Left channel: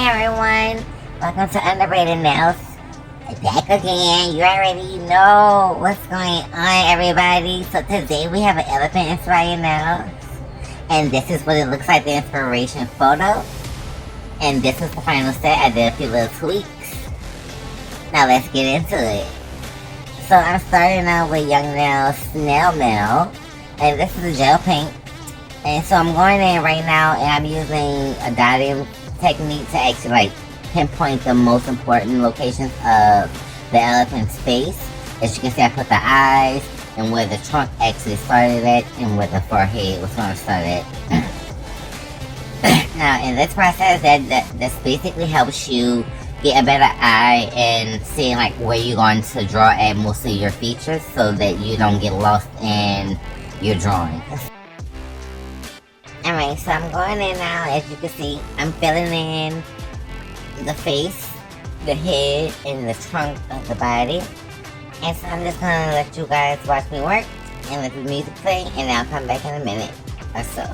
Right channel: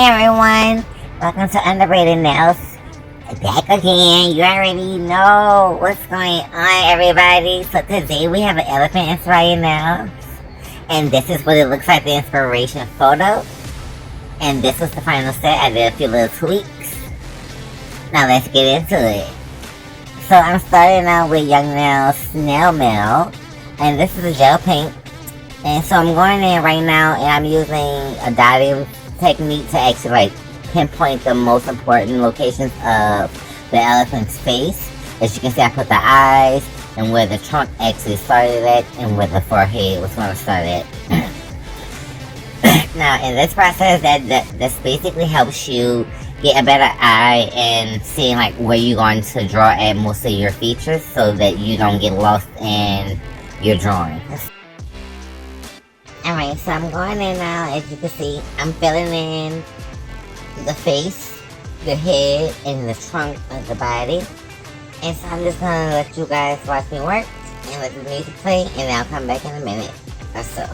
Hi everyone, welcome to Underrated Nails. Back again, you already know what's going on, everybody. So today we have an elephant inspired nails, and this is what it looks like, the inspiration photo. And this was the final set. I did a few little tweaks. Now let's get into it. So I'm starting out with Young Nails Snail Mail, and this is a gel paint. And so I'm going in right now, and I'm using a dotting technique to actually like pinpoint the most important locations of the elephant's face. As you can see, I put the eyes and where the trunk actually started at and where the forehead was going to start at. Now in this process, this basically helps you get a better eye and seeing like where you're going to draw at most of your features, so that you don't get lost in your drawings. Alright, so I'm going in now. As you can see, I'm filling in the face, the head, and the trunk of the body. And so I'm just gonna let you guys watch me work and let the music play, and I'll come back in a minute or so.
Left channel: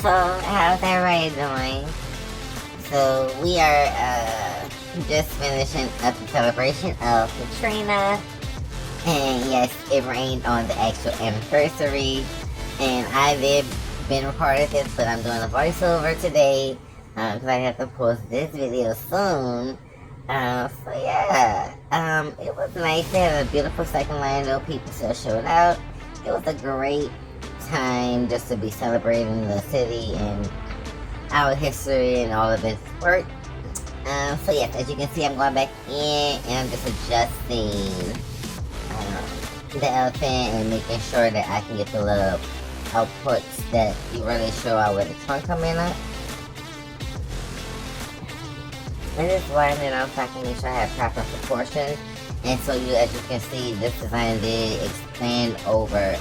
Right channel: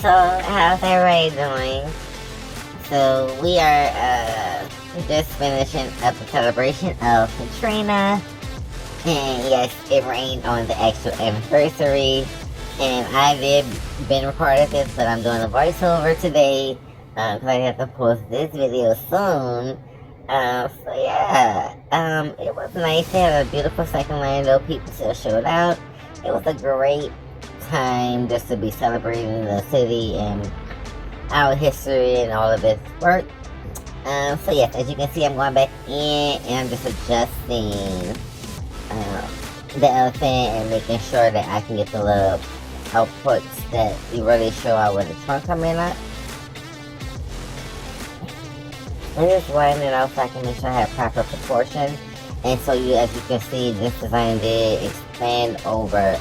So, how's everybody doing? So, we are just finishing up the celebration of Katrina. And yes, it rained on the actual anniversary. And I did been recording this, but I'm doing a voiceover today because I have to post this video soon. So yeah, it was nice to have a beautiful second land, though people still showed out. It was a great time just to be celebrating the city and our history and all of its work. So yes, as you can see, I'm going back in and I'm just adjusting the elephant and making sure that I can get the little outputs that you really show out where the trunk coming up. And just lining it out so I can make sure I have proper proportion. And so you, as you can see, this design did expand over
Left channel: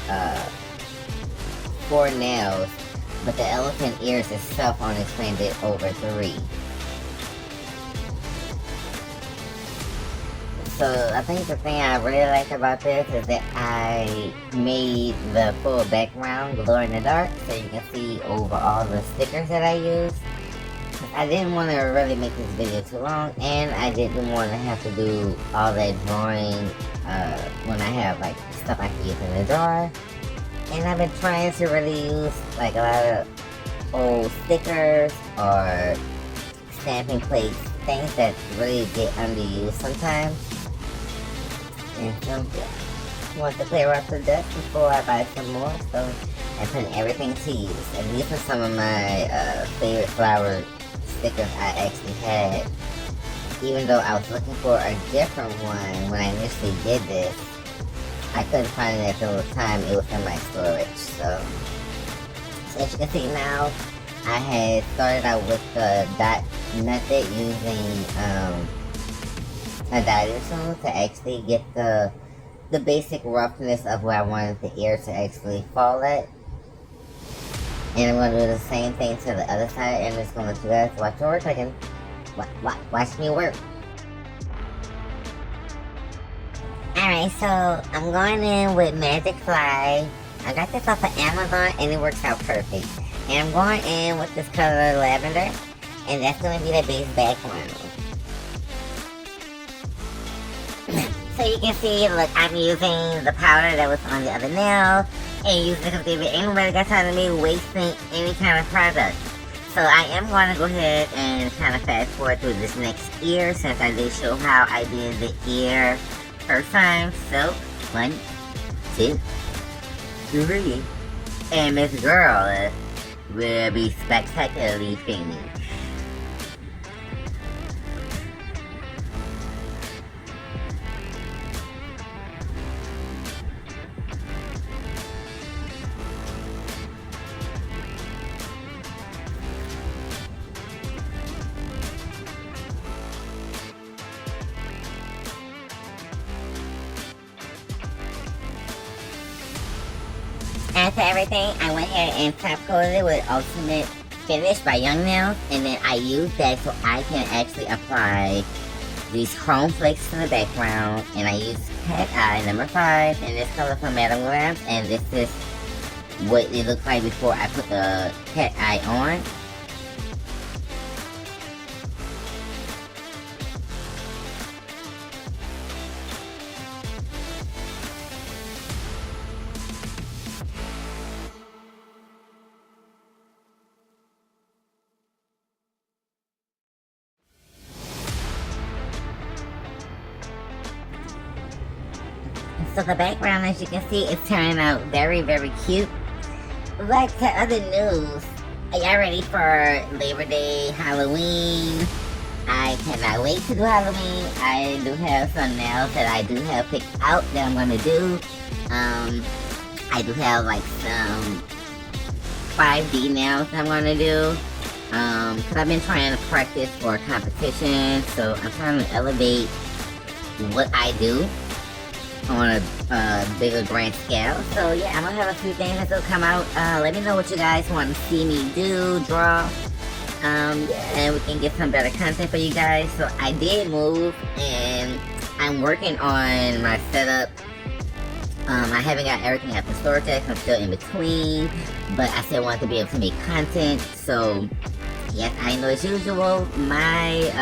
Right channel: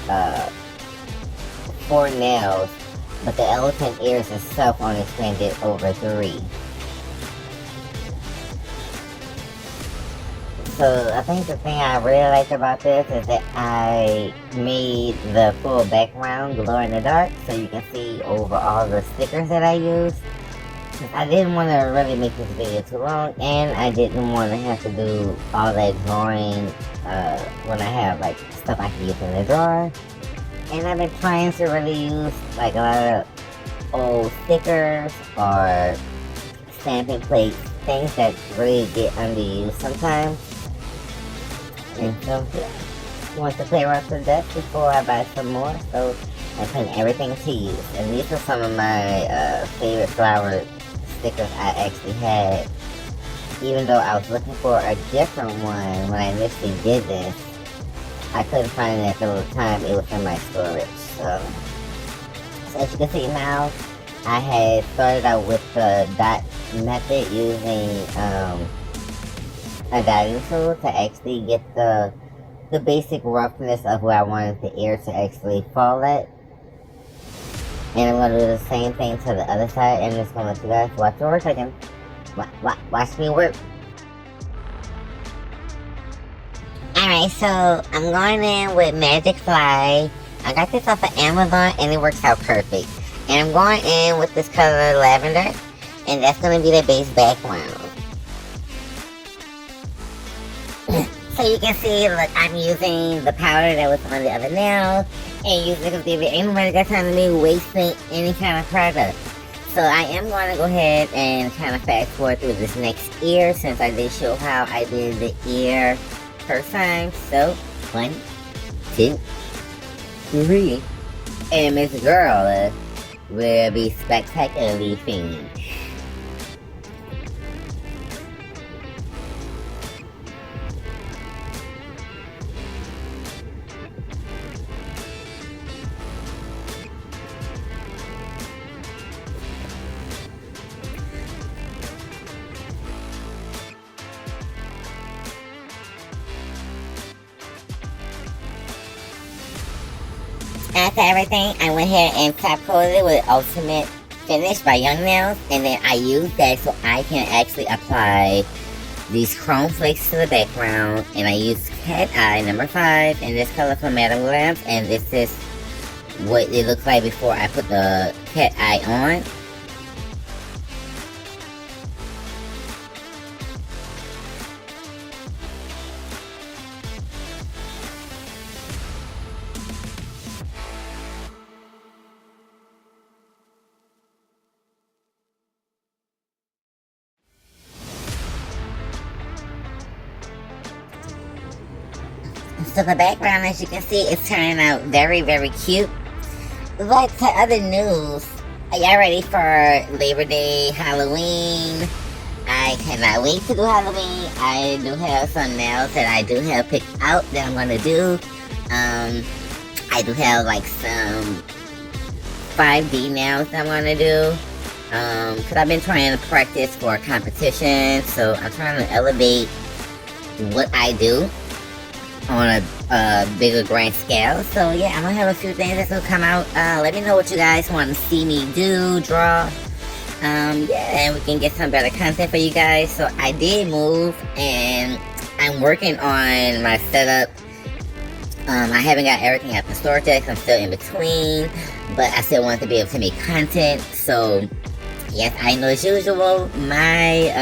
4 nails, but the elephant ears itself only expanded over 3. So I think the thing I really like about this is that I made the full background glow in the dark, so you can see over all the stickers that I used. I didn't want to really make this video too long, and I didn't want to have to do all that drawing when I have like stuff I can use in the drawer. And I've been trying to really use like a lot of old stickers or stamping plates, things that really get underused sometimes. And so yeah, I want to clear up the dust before I buy some more, so I put everything to use. And these are some of my favorite flower stickers I actually had, even though I was looking for a different one when I initially did this. I couldn't find it at the time. It was in my storage. So as you can see now, I had started out with the dot method using a dotting tool to actually get the basic roughness of where I wanted the ear to actually fall at. And I'm going to do the same thing to the other side, and I'm just going to let you guys watch it work. I can watch me work. Alright, so I'm going in with Magic Fly. I got this off of Amazon and it works out perfect. And I'm going in with this color lavender, and that's going to be the base background. So you can see, look, I'm using the powder that was on the other nail, and using it because ain't nobody got time to me wasting any kind of product. So I am going to go ahead and kind of fast forward through this next ear, since I did show how I did the ear first time. So 1, 2, 3, and Miss Girl will be spectacularly finished. After everything, I went ahead and top coated it with Ultimate Finish by Young Nails, and then I use that so I can actually apply these chrome flakes to the background, and I use Cat Eye number 5 in this color from Madame Lamps, and this is what it looks like before I put the Cat Eye on. So the background, as you can see, is turning out very, very cute. But to other news, are y'all ready for Labor Day, Halloween? I cannot wait to do Halloween. I do have some nails that I do have picked out that I'm gonna do. I do have like some 5D nails that I'm gonna do. Cause I've been trying to practice for a competition, so I'm trying to elevate what I do on a bigger grand scale. So yeah, I'm gonna have a few things that will come out. Let me know what you guys want to see me do, draw. Yeah, and we can get some better content for you guys. So I did move, and I'm working on my setup. I haven't got everything at the store yet. I'm still in between, but I still want to be able to make content. So yes, I know as usual, my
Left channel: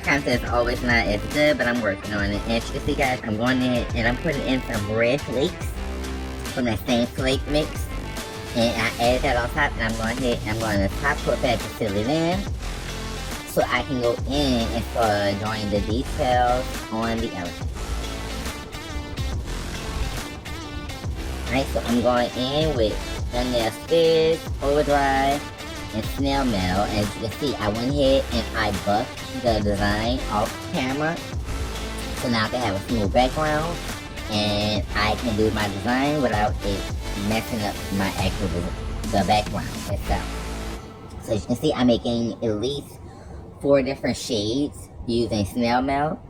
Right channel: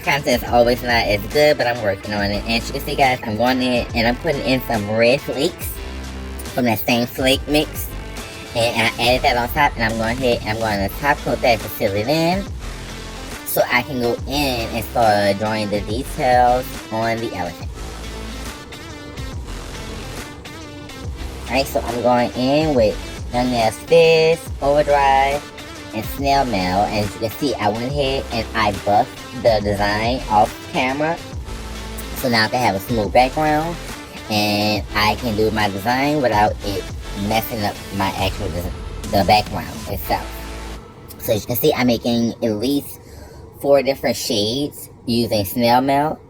content is always not as good, but I'm working on it. And as you can see, guys, I'm going in and I'm putting in some red flakes from that same flake mix. And I added that on top, and I'm going ahead and I'm going to top coat that to seal it in, so I can go in and start drawing the details on the elephant. Alright, so I'm going in with Young Nails Fizz, Overdrive, and Snail Mail. And as you can see, I went ahead and I buffed the design off camera, so now I can have a smooth background and I can do my design without it messing up my actual the background itself. So as you can see, I'm making at least 4 different shades using Snail Mail.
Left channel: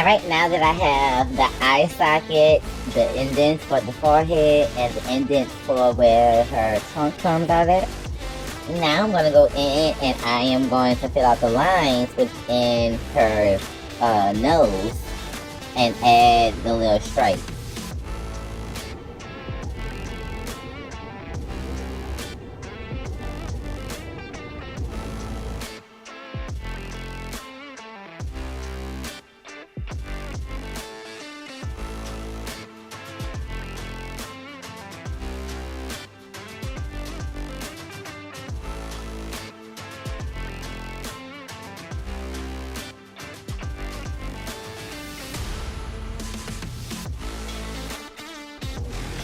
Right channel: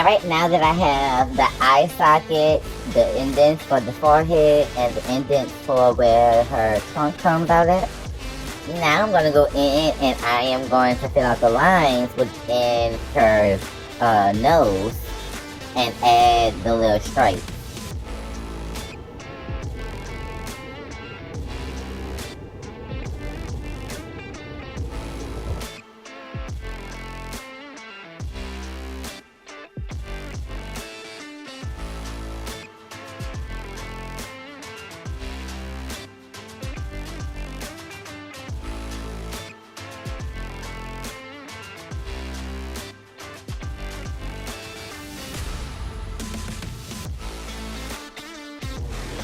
Alright, now that I have the eye socket, the indents for the forehead, and the indents for where her trunk comes out at, now I'm going to go in and I am going to fill out the lines within her nose and add the little stripes.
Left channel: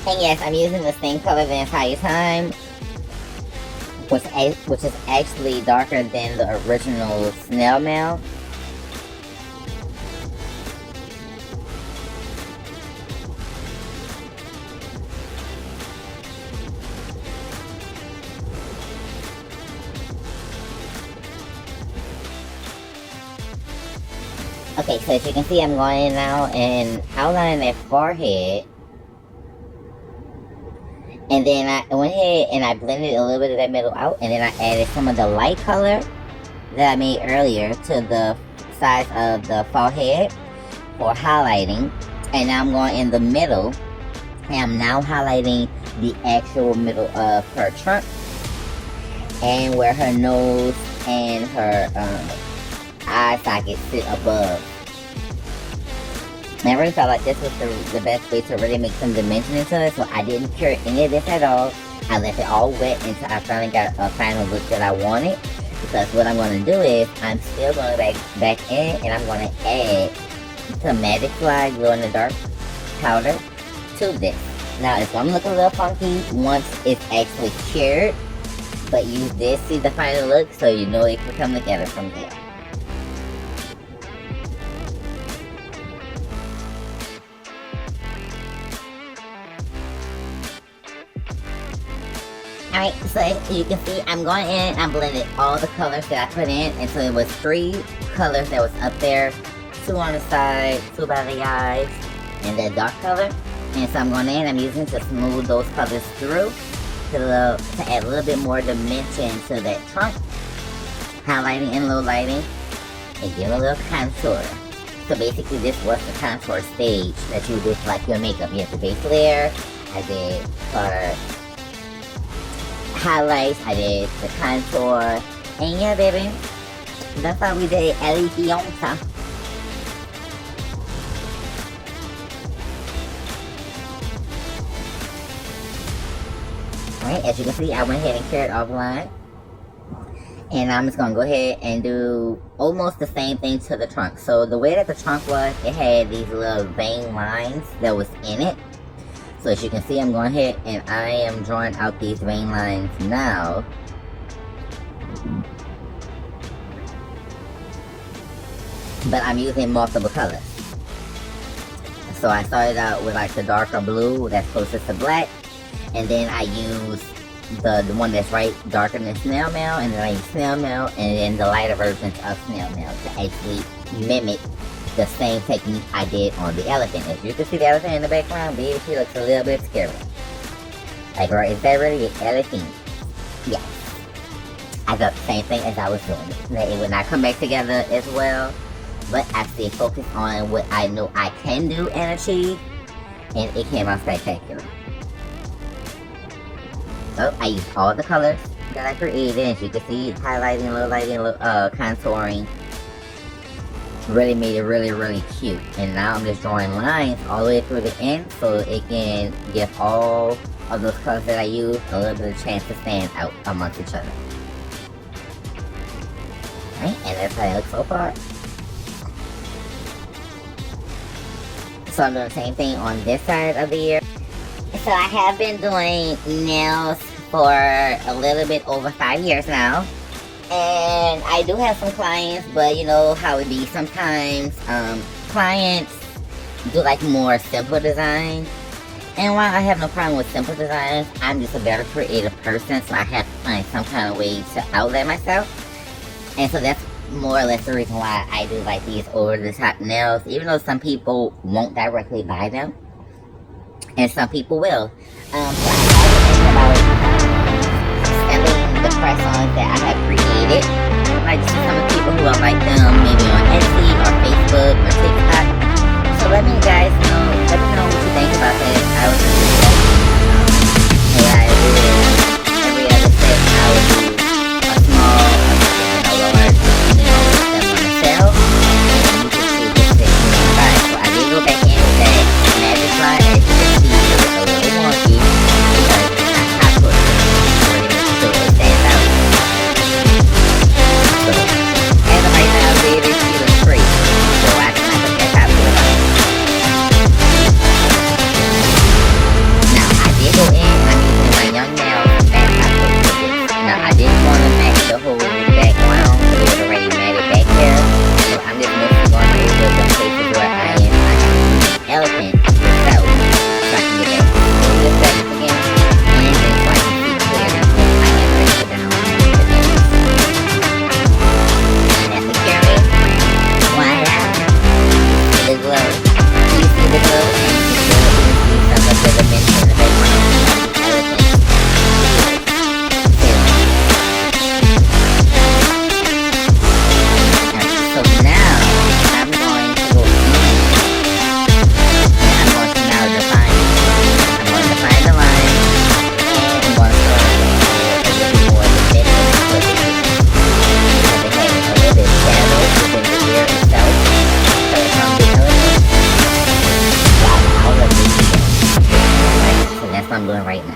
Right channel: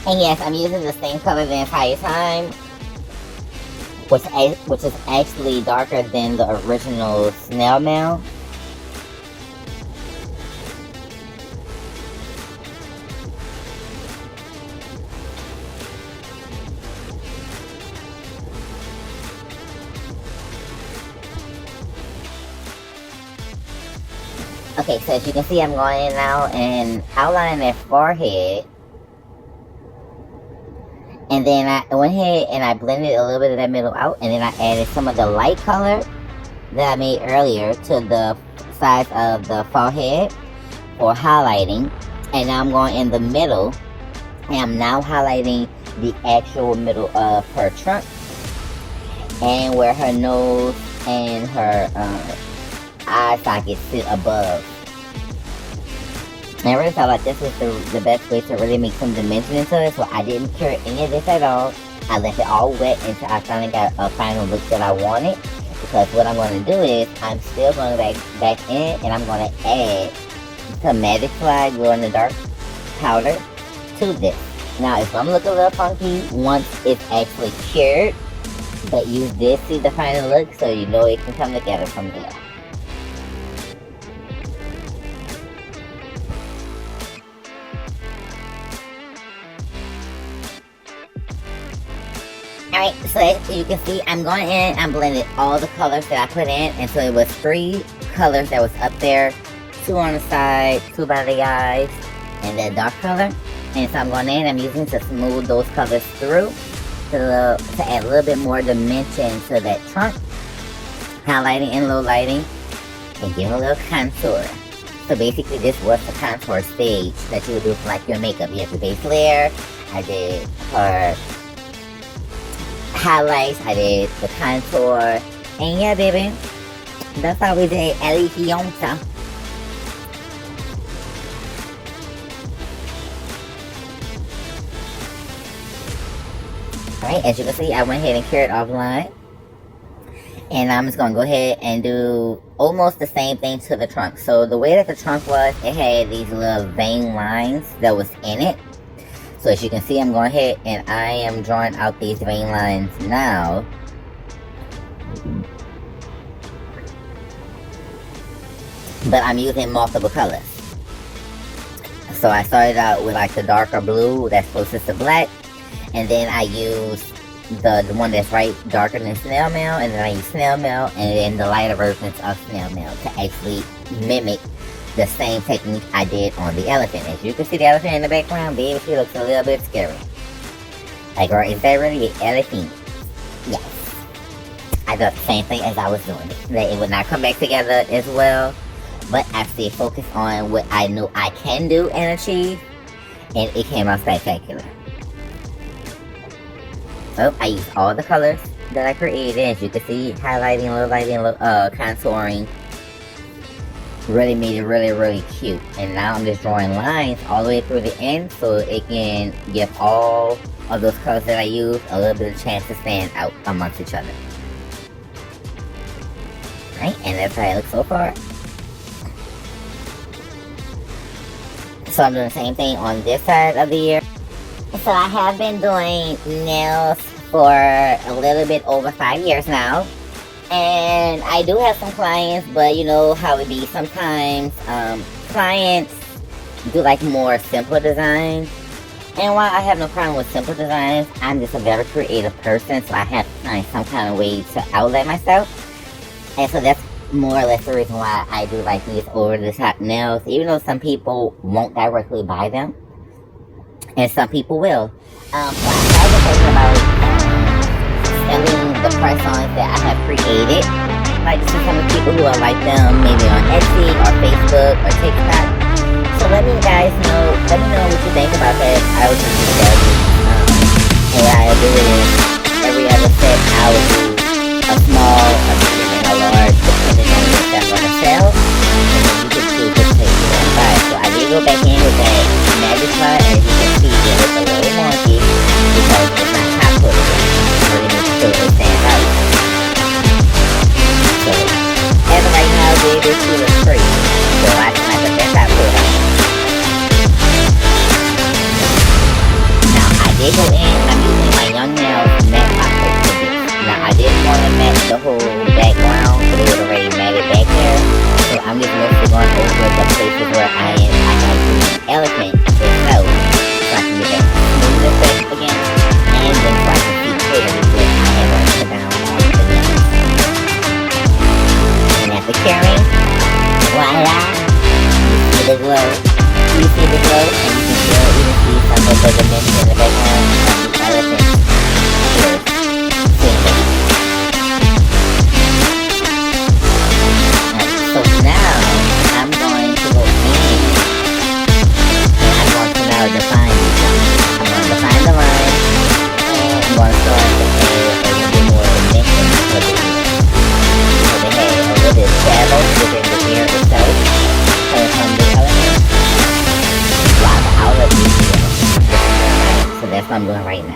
And yes, I'm using the same color the entire time, which is actually darker than the original snail mail. Okay, so as you can see, I'm going in now and outlining that forehead. And then I went ahead and I blended a little bit of that middle out, and then I added some of the light color that I made earlier to the sides of the forehead for highlighting. And now I'm going in the middle, and I'm now highlighting the actual middle of her trunk and where her nose and her eye socket sit above. And I really felt like this was the best way to really make some dimension into it, so I didn't cure any of this at all. I left it all wet until I finally got a final look that I wanted. Because what I'm going to do is, I'm still going to back in and I'm going to add some Magic Slide Glow in the Dark powder to this. Now it's going to look a little funky once it's actually cured, but you did see the final look, so you know it can come together from there. Alright, so as you can see, I'm going in, I'm blending all the colors that I put in, and so it was 3 colors that was up there, 2 on the side, 2 by the eyes, and that dark color. And so I'm going in, I'm using to smooth those colors through to add a little bit more dimension to that trunk, highlighting and low lighting, and giving a little contour. So basically this was the contour stage that you would do for like your makeup. You have the base layer, I did her highlights, I did the contour, and yeah baby, that's how we did Elegance. Alright, as you can see, I went ahead and cured offline. And I'm just going to go ahead and do almost the same thing to the trunk. So the way that the trunk was, it had these little vein lines that was in it. So as you can see, I'm going ahead and I am drawing out these vein lines now. But I'm using multiple colors. So I started out with like the darker blue that's closest to black. And then I used the one that's right darker than snail mail. And then I used snail mail and then the lighter versions of snail mail to actually mimic the same technique I did on the elephant. As you can see the elephant in the background, baby, she looks a little bit scary. Like, right, is that really the elephant? Yes. I thought the same thing as I was doing. That it would not come back together as well, but I stayed focused on what I knew I can do and achieve, and it came out spectacular. So, I used all the colors that I created, as you can see, highlighting, low lighting, contouring. Really made it really cute. And now I'm just drawing lines all the way through the end so it can give all of those colors that I use a little bit of chance to stand out amongst each other. Right, and that's how it looks so far. So I'm doing the same thing on this side of the ear. So I have been doing nails for a little bit over 5 years now. And I do have some clients, but you know how it be sometimes. Clients do like more simple designs. And while I have no problem with simple designs, I'm just a very creative person, so I have to find some kind of way to outlet myself. And so that's more or less the reason why I do like these over the top nails, even though some people won't directly buy them, and some people will. So I have to think about selling the press-ons that I have created. Like to some people who are like them, maybe on Etsy or Facebook or TikTok. So let me guys know. Let me know what you think about that. I would just suggest, hey, I every other set I would do a small, a large, depending on what I sell. And you can see this thing. Alright, so I did go back in with that magic line. As you can see, it's a little wonky because it's not top coat. So it makes sure it stands out. So, as of right now, baby, she looks great. So I can like that top coat. Now, I did go in and I'm using my young nails matte top coat with this. Now, I didn't want to match the whole background because it was already matted back there. So I'm just mostly going to go to the places where I have an elephant itself. So I can get that smooth effect again. And then so I can see clearly what I have already put down on the nails. And after curing, voila, see the glow. Do you see the glow? And you can see some of the dimension in the background of the elephant. So now I'm going to go and I'm going to now define. I'm going to define the line and I'm going to go a little bit more dimension with the head and with the shadow within the ear itself. Coming from the elephant. Wow, I love this. So that's what I'm doing right now.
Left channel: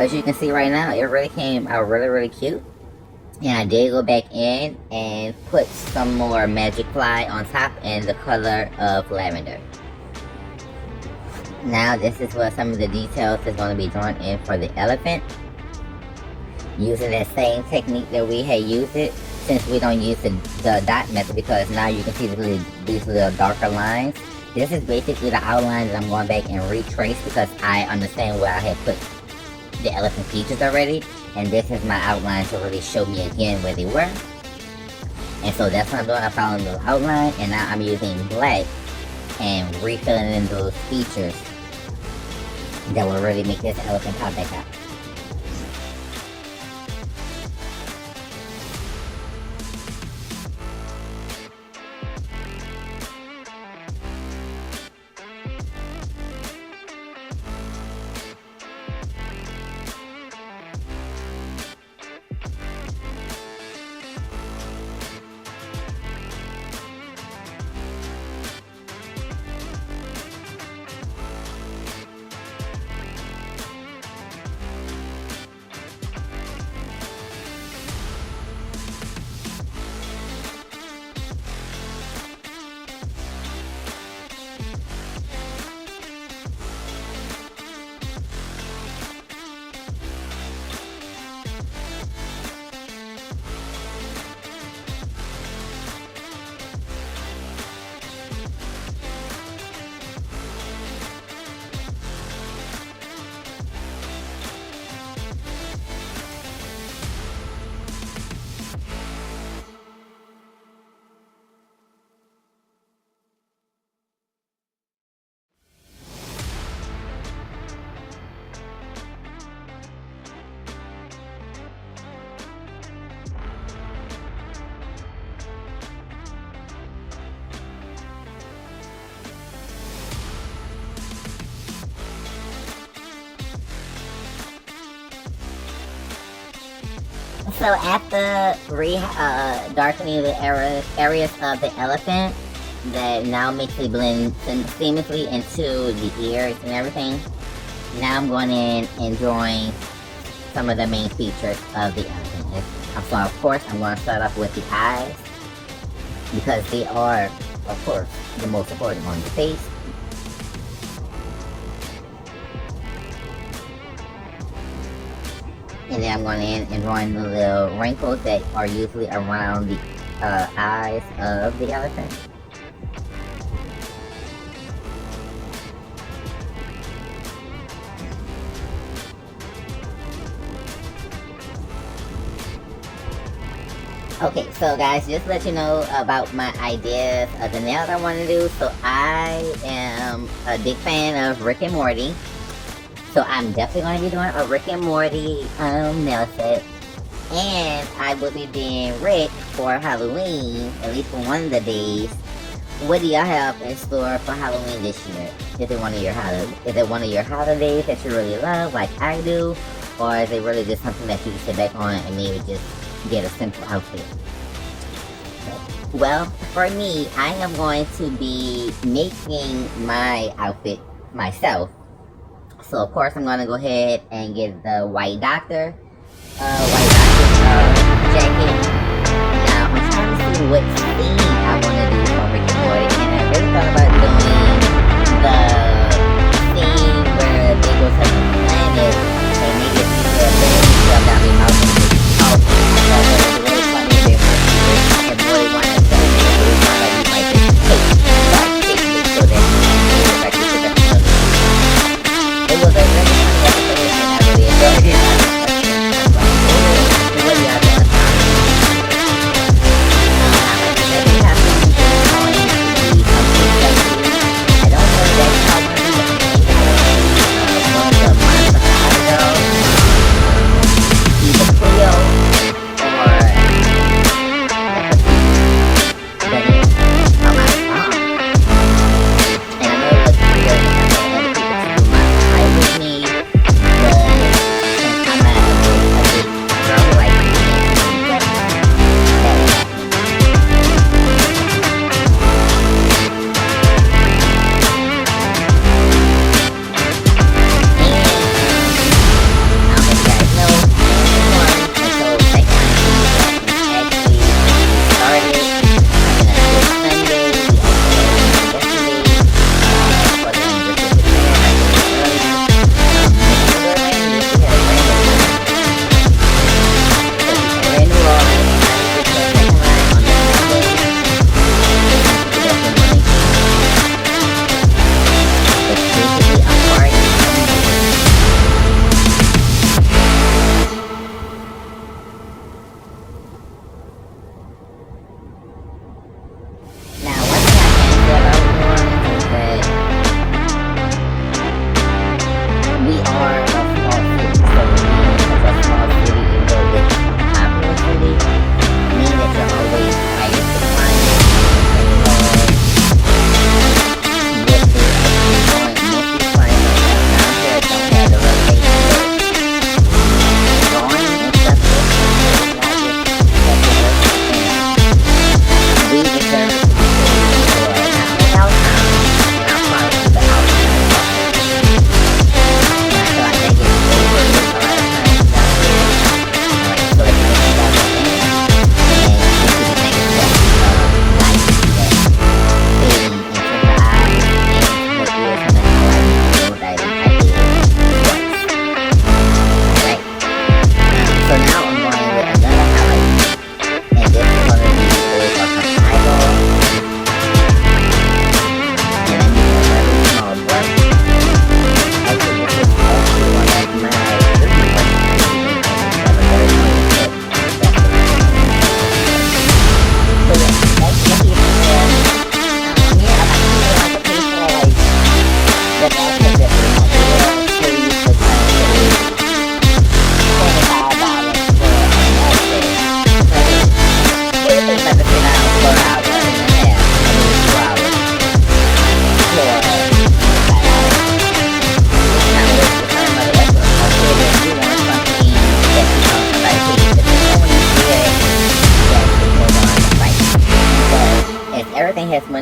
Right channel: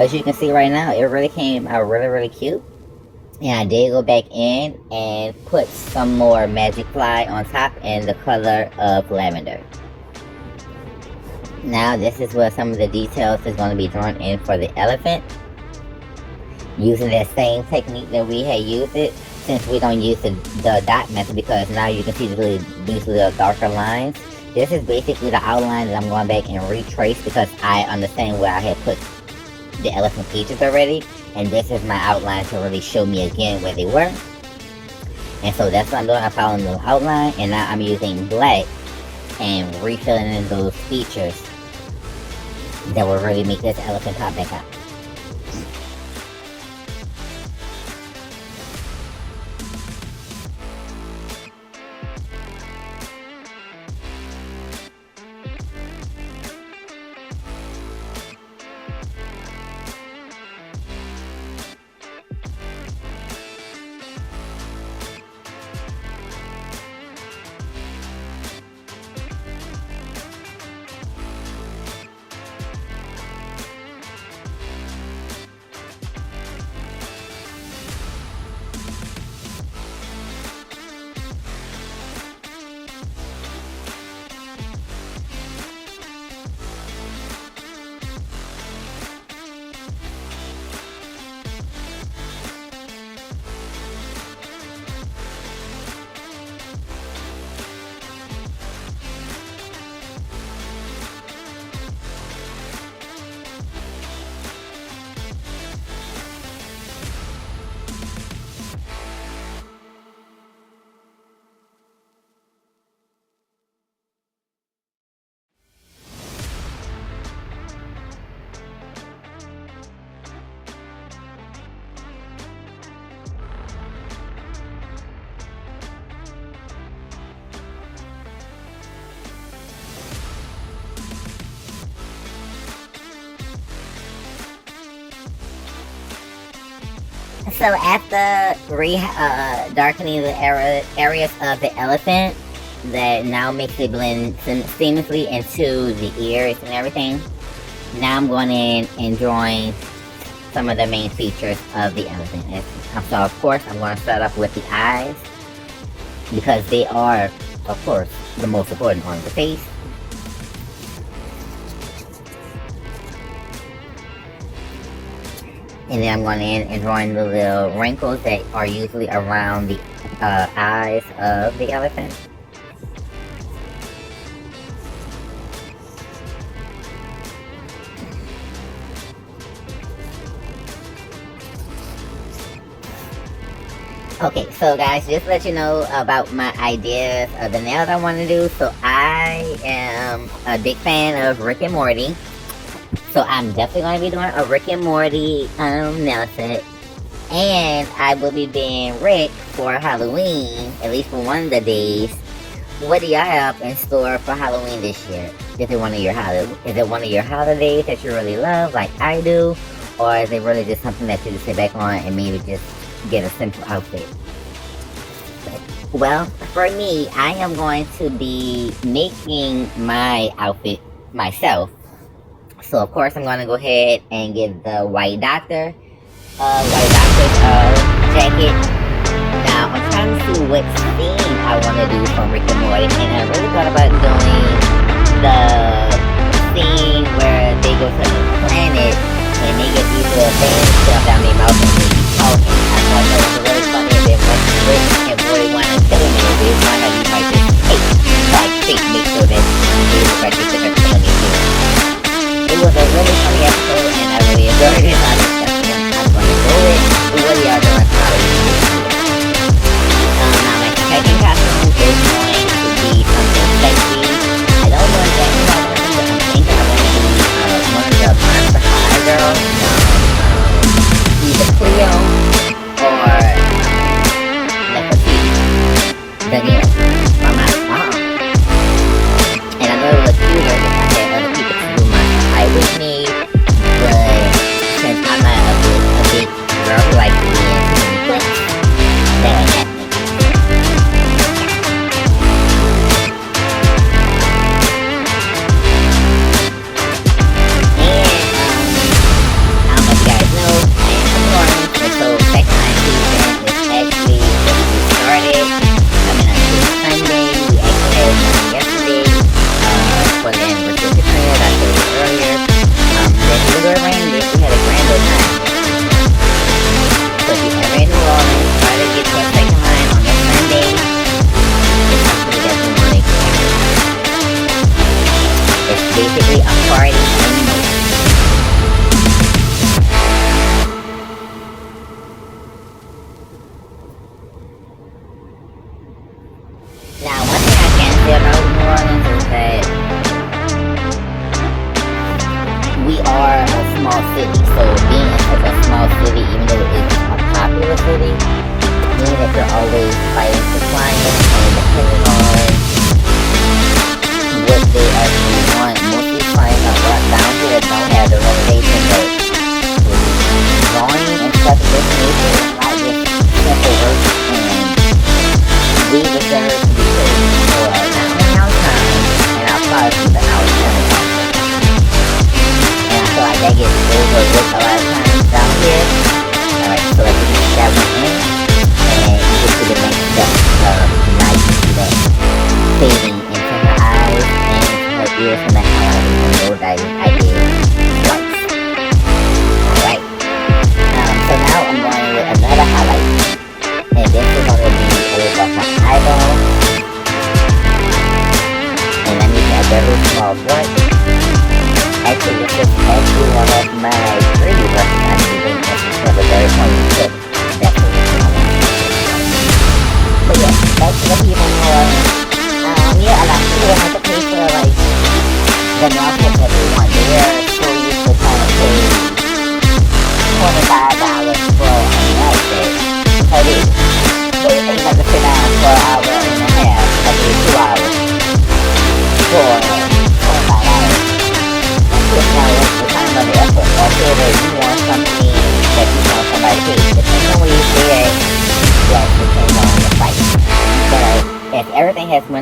As you can see right now, it really came out really cute. And I did go back in and put some more magic fly on top in the color of lavender. Now this is where some of the details is going to be drawn in for the elephant. Using that same technique that we had used it, since we don't use the dot method, because now you can see these little darker lines. This is basically the outline that I'm going back and retrace because I understand where I had put the elephant features already, and this is my outline to really show me again where they were. And so that's what I'm doing. I'm following the outline, and now I'm using black and refilling in those features that will really make this elephant pop back out. So after darkening the areas of the elephant, that now makes it blend seamlessly into the ears and everything. Now I'm going in and drawing some of the main features of the elephant. So of course I'm going to start off with the eyes, because they are, of course, the most important on the face. And then I'm going in and drawing the little wrinkles that are usually around the eyes of the elephant. Okay, so guys, just to let you know about my ideas of the nails I want to do. So I am a big fan of Rick and Morty. So I'm definitely going to be doing a Rick and Morty nail set. And I will be being Rick for Halloween, at least for one of the days. What do y'all have in store for Halloween this year? Is it one of your holidays that you really love, like I do? Or is it really just something that you just sit back on and maybe just get a simple outfit? Well, for me, I am going to be making my outfit myself. So of course I'm going to go ahead and get the white doctor jacket. Now I'm trying to see what theme I want to do for Rick and Morty, and I really thought about doing the theme where they go to the planet and they get people to shove down their mouth and talk. I thought that was really funny if Rick and Morty wanted to film it. Like just take make sure that they look like they took a film. It was a really funny episode and I really enjoyed it. I'm going to do it. What are y'all doing?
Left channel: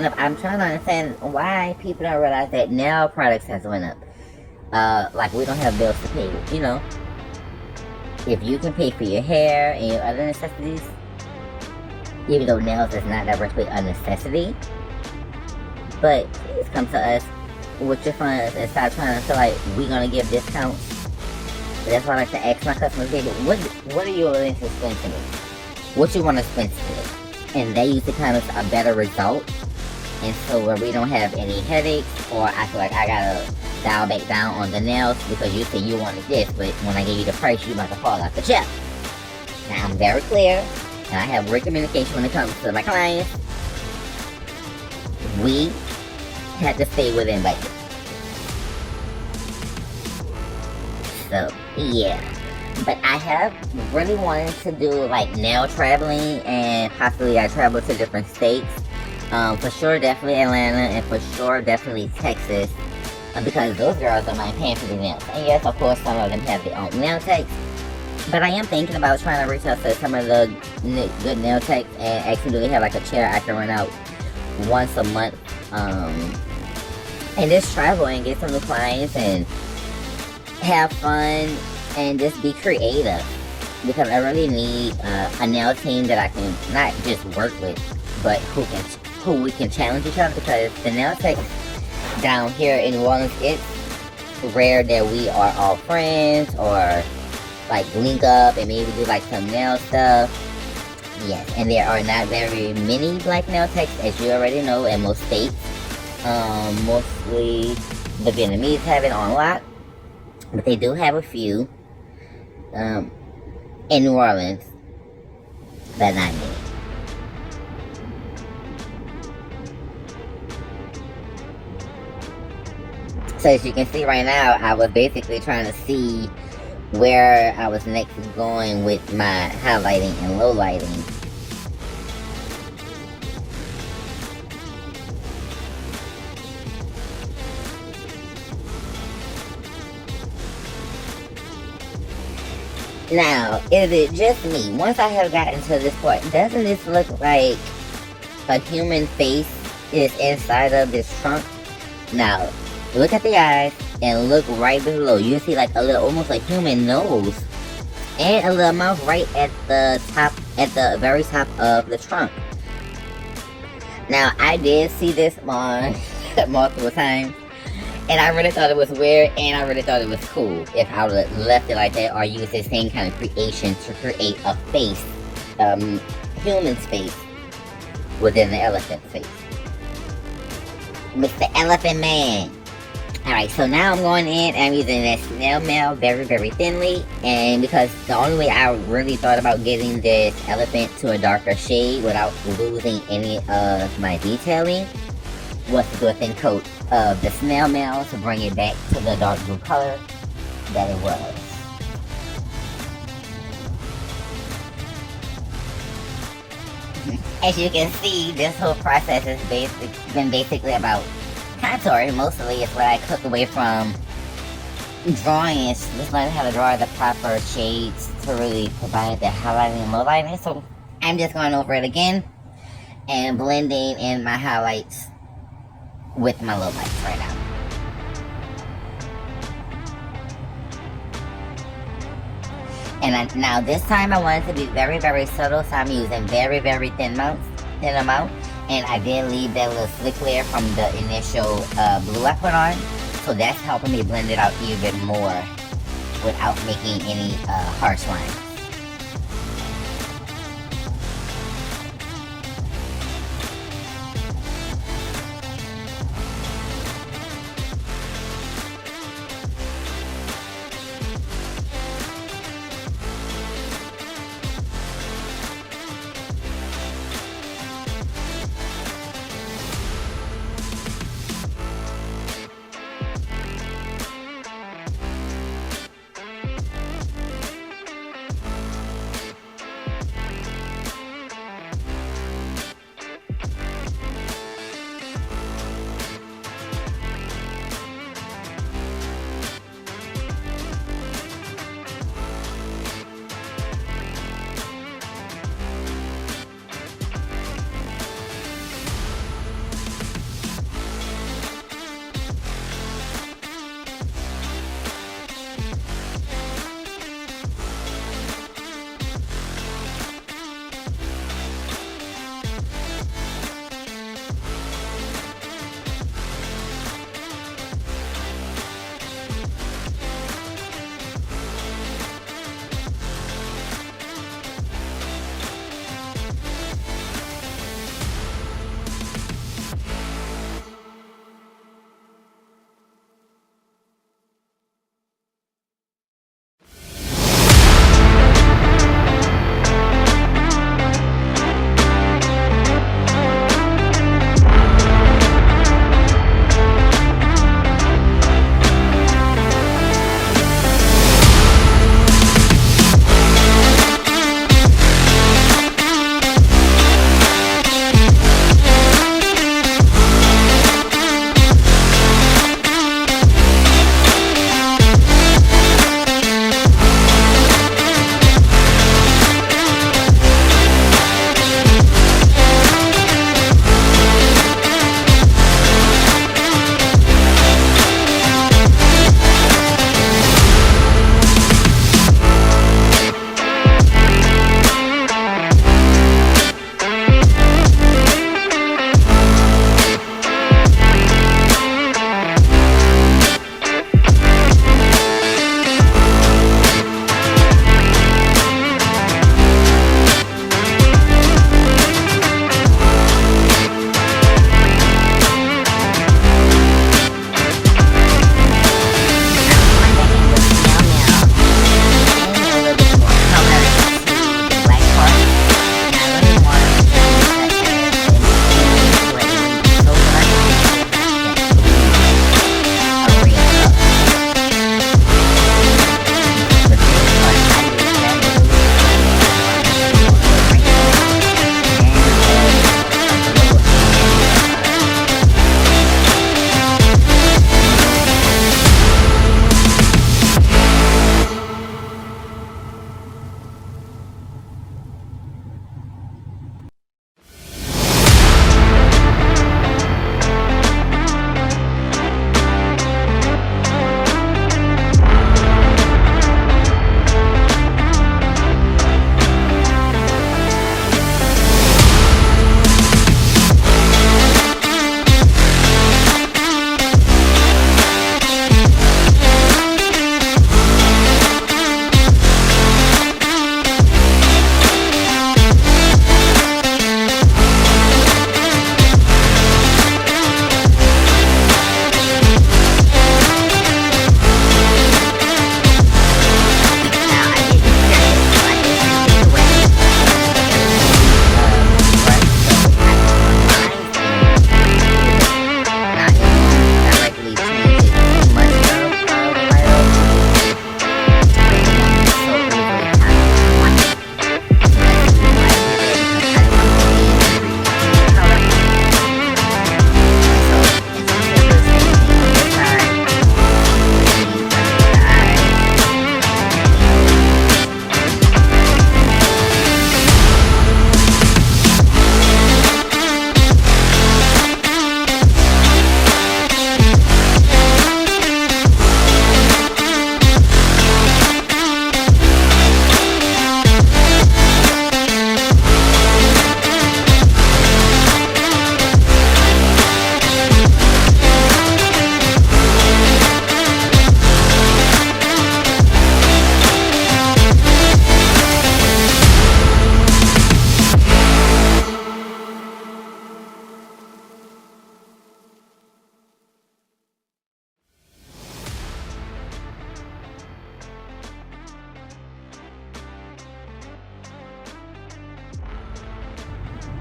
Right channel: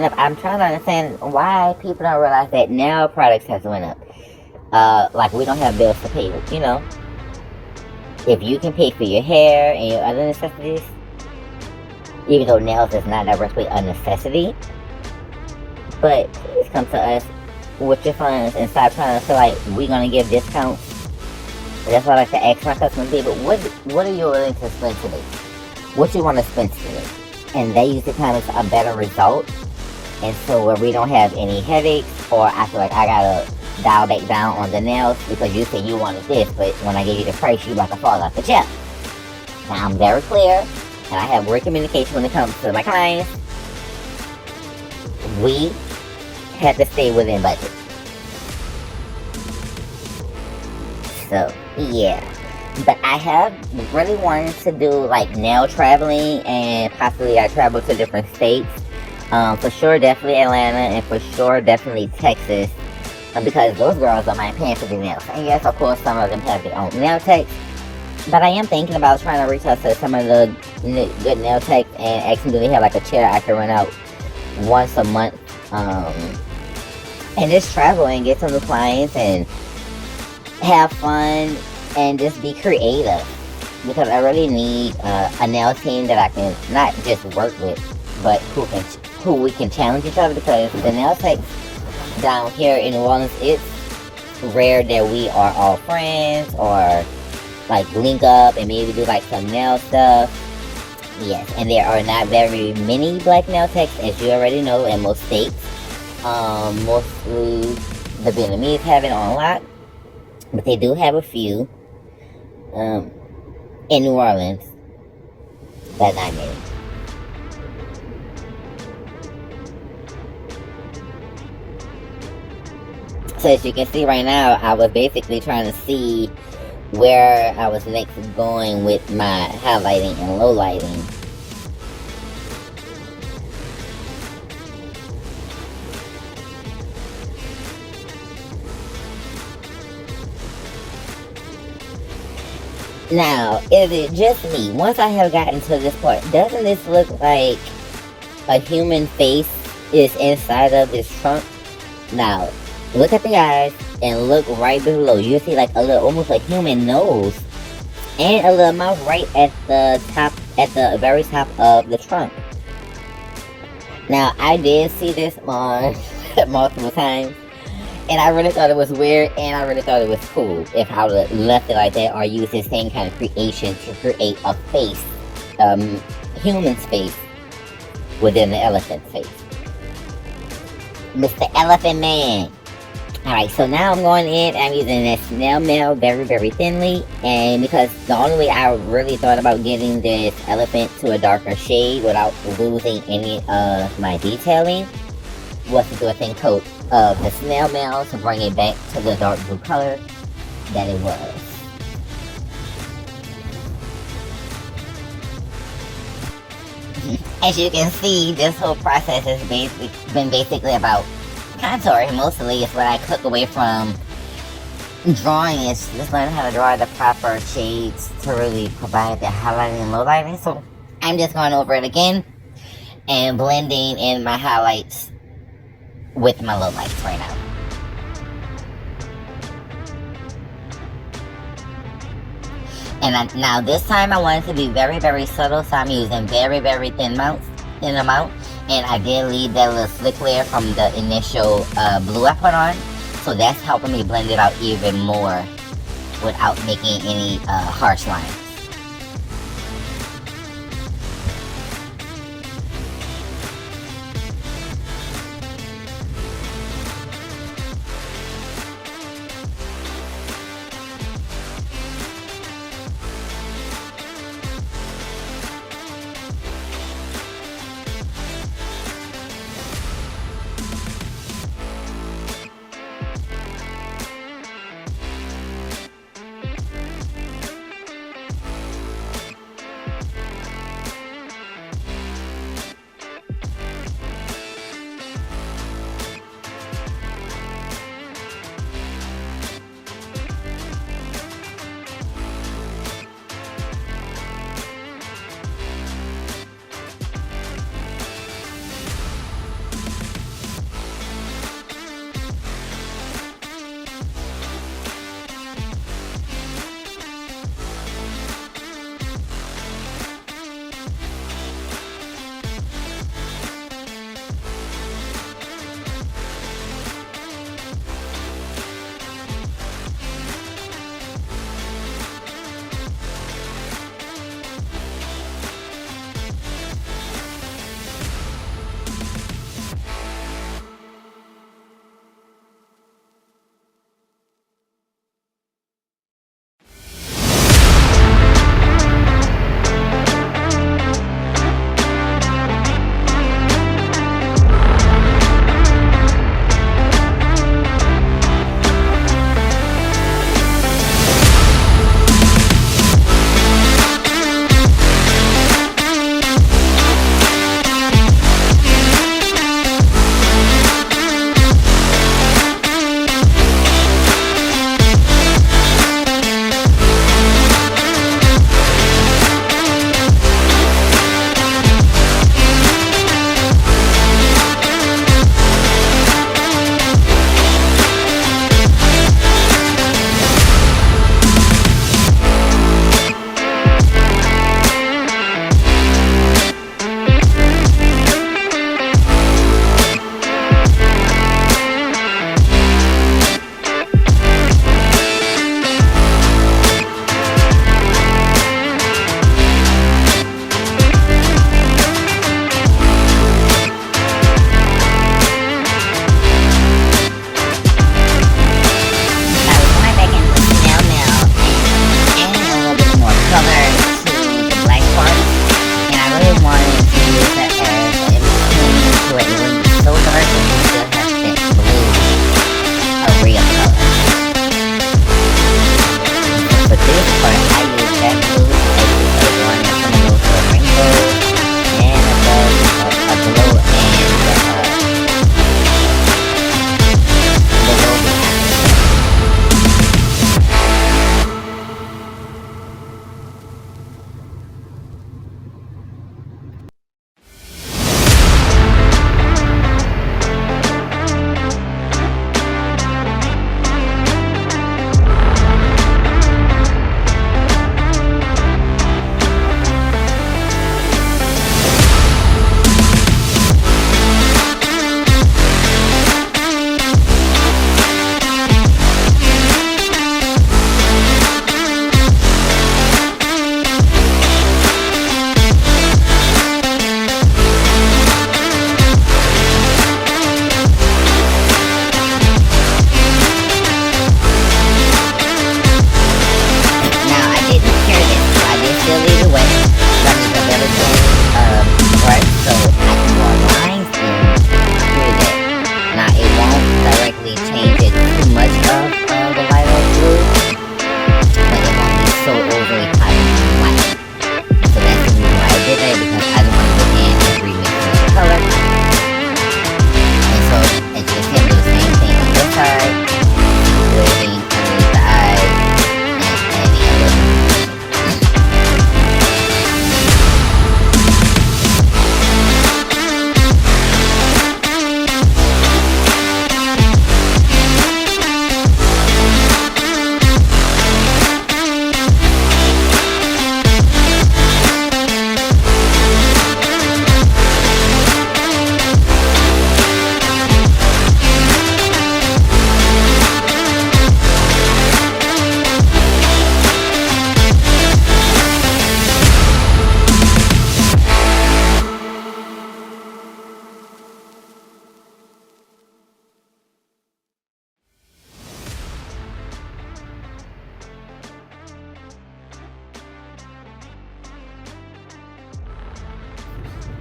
up. I'm trying to understand why people don't realize that nail products has went up. Like we don't have bills to pay. You know, if you can pay for your hair and your other necessities, even though nails is not directly a necessity, but please come to us with your funds and stop trying to feel like we're gonna give discounts. That's why I like to ask my customers, people, what are you willing to spend today? What you want to spend today? And they usually come us a better result. And so where we don't have any headaches, or I feel like I gotta dial back down on the nails because you said you wanted this, but when I give you the price, you about to fall off the chair. Now I'm very clear, and I have great communication when it comes to my clients. We have to stay within budget. So, yeah. But I have really wanted to do like nail traveling, and possibly I travel to different states. For sure, definitely Atlanta, and for sure, definitely Texas. Because those girls don't mind paying for the nails. And yes, of course, some of them have their own nail techs. But I am thinking about trying to reach out to some of the good nail techs and actually do they have like a chair I can rent out once a month. And just travel and get some new clients and have fun and just be creative, because I really need a nail team that I can not just work with, but who we can challenge each other, because the nail techs down here in New Orleans, it's rare that we are all friends or like link up and maybe do like some nail stuff. Yes, and there are not very many black nail techs, as you already know, in most states. Mostly the Vietnamese have it on lock, but they do have a few in New Orleans, but not many. So as you can see right now, I was basically trying to see where I was next going with my highlighting and low lighting. Now, is it just me? Once I have gotten to this point, doesn't this look like a human face is inside of this trunk? Now, look at the eyes and look right below. You can see like a little, almost like human nose and a little mouth right at the top, at the very top of the trunk. Now, I did see this on multiple times, and I really thought it was weird, and I really thought it was cool if I would have left it like that, or used the same kind of creation to create a face, human's face within the elephant face. Mr. Elephant Man. Alright, so now I'm going in, I'm using that snail mail very, very thinly, and because the only way I really thought about getting this elephant to a darker shade without losing any of my detailing was to do a thin coat of the snail mail to bring it back to the dark blue color that it was. As you can see, this whole process has been basically about contouring. Mostly is what I took away from drawing, is just learning how to draw the proper shades to really provide the highlighting and low lighting. So I'm just going over it again and blending in my highlights with my low lights right now. And now this time I wanted to be very, very subtle, so I'm using very, very thin amount. And I did leave that little slick layer from the initial blue I put on, so that's helping me blend it out even more without making any harsh lines.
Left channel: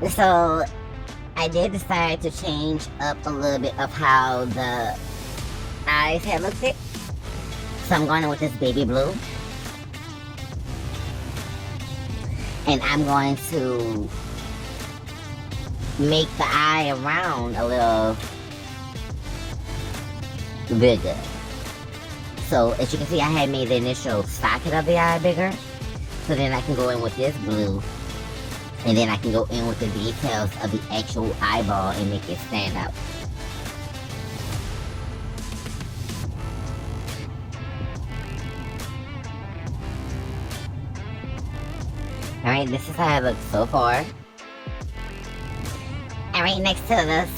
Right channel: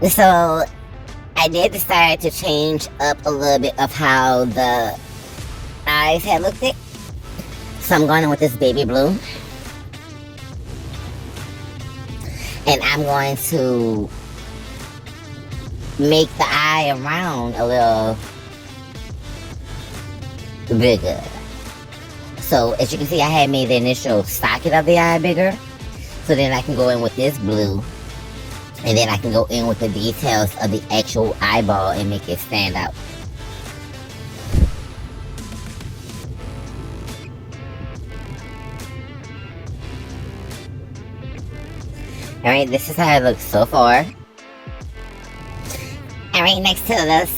So I did decide to change up a little bit of how the eyes had looked it. So I'm going in with this baby blue. And I'm going to make the eye around a little bigger. So as you can see, I had made the initial socket of the eye bigger. So then I can go in with this blue. And then I can go in with the details of the actual eyeball and make it stand out. Alright, this is how it looks so far. Alright, next to this,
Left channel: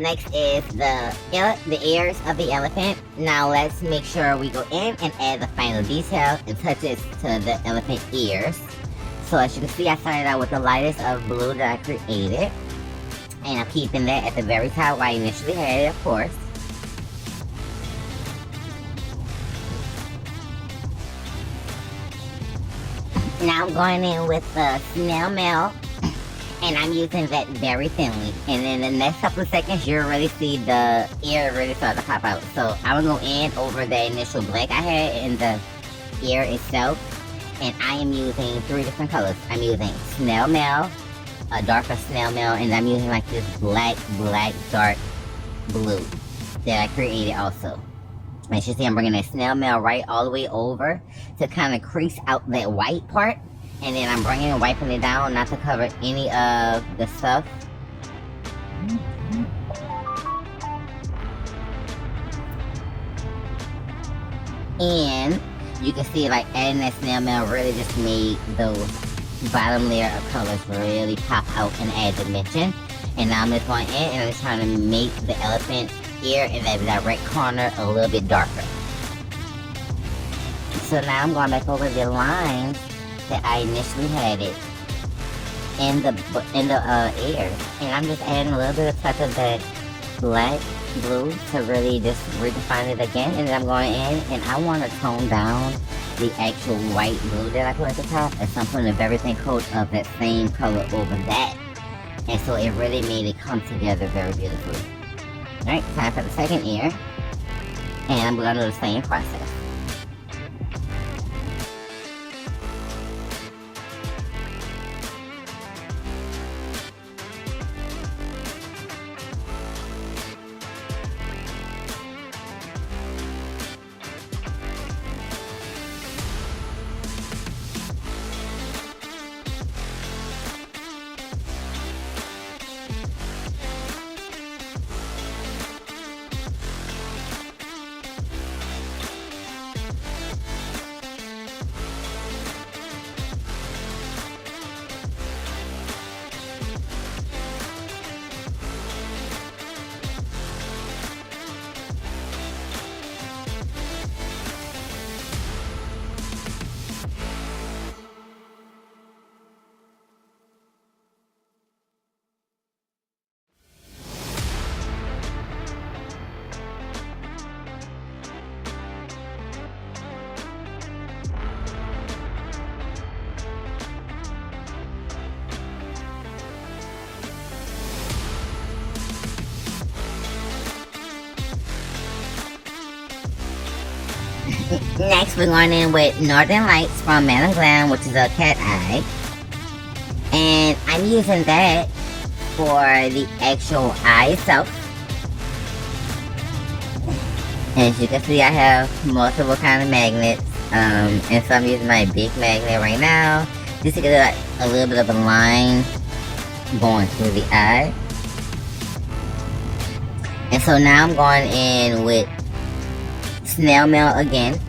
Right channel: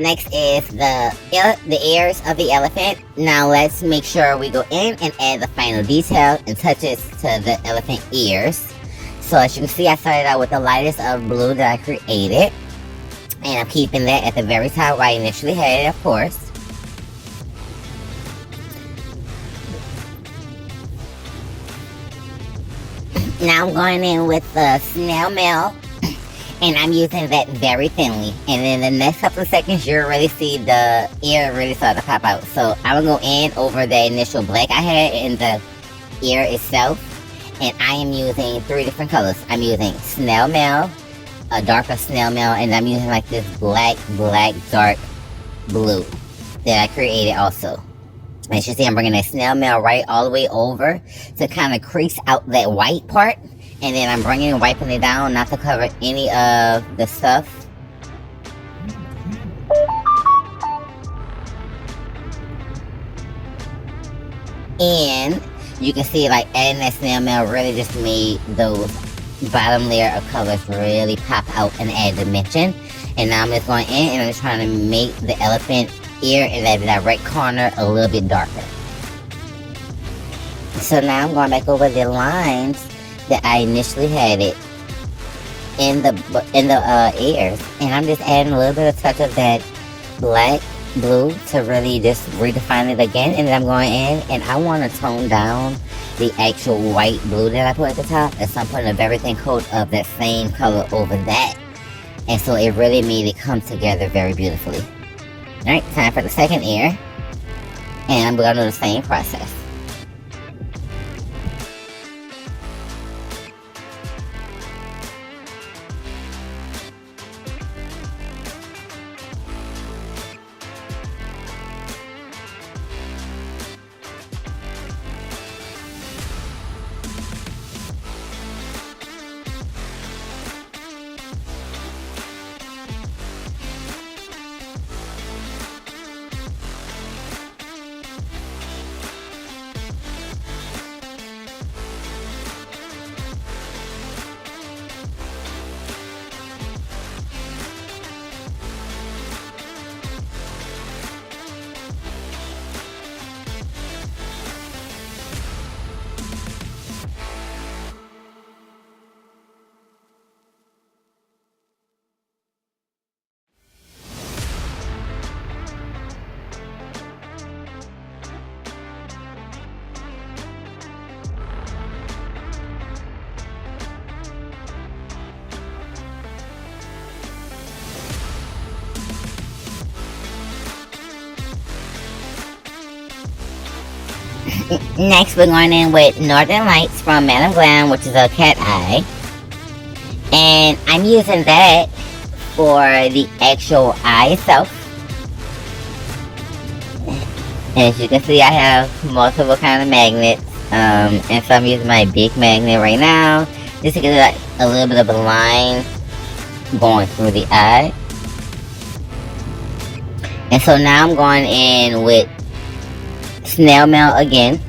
next is the ears of the elephant. Now let's make sure we go in and add the final detail and touches to the elephant ears. So as you can see, I started out with the lightest of blue that I created. And I'm keeping that at the very top where I initially had it, of course. Now I'm going in with the snail mail, and I'm using that very thinly. And in the next couple of seconds, you'll really see the ear really start to pop out. So I'm going to go in over the initial black I had in the ear itself. And I am using 3 different colors. I'm using snail mail, a darker snail mail, and I'm using like this black, dark blue that I created also. As you see, I'm bringing that snail mail right all the way over to kind of crease out that white part. And then I'm bringing and wiping it down not to cover any of the stuff. And you can see like adding that snail mail really just made those bottom layer of colors really pop out and add dimension. And now I'm just going in and I'm trying to make the elephant ear in that direct corner a little bit darker. So now I'm going back over the lines that I initially had it in the ears, and I'm just adding a little bit of touch of that black blue to really just redefine it again. And then I'm going in and I want to tone down the actual white blue that I put at the top, and so I'm putting a very thin coat of that same color over that, and so it really made it come together very beautifully. Alright, time for the second ear. And I'm going to do the same process. Next, we're going in with Northern Lights from Madam Glam, which is a cat eye. And I'm using that for the actual eye itself. And as you can see, I have multiple kind of magnets. And so I'm using my big magnet right now, just to get like a little bit of a line going through the eye. And so now I'm going in with snail mail again,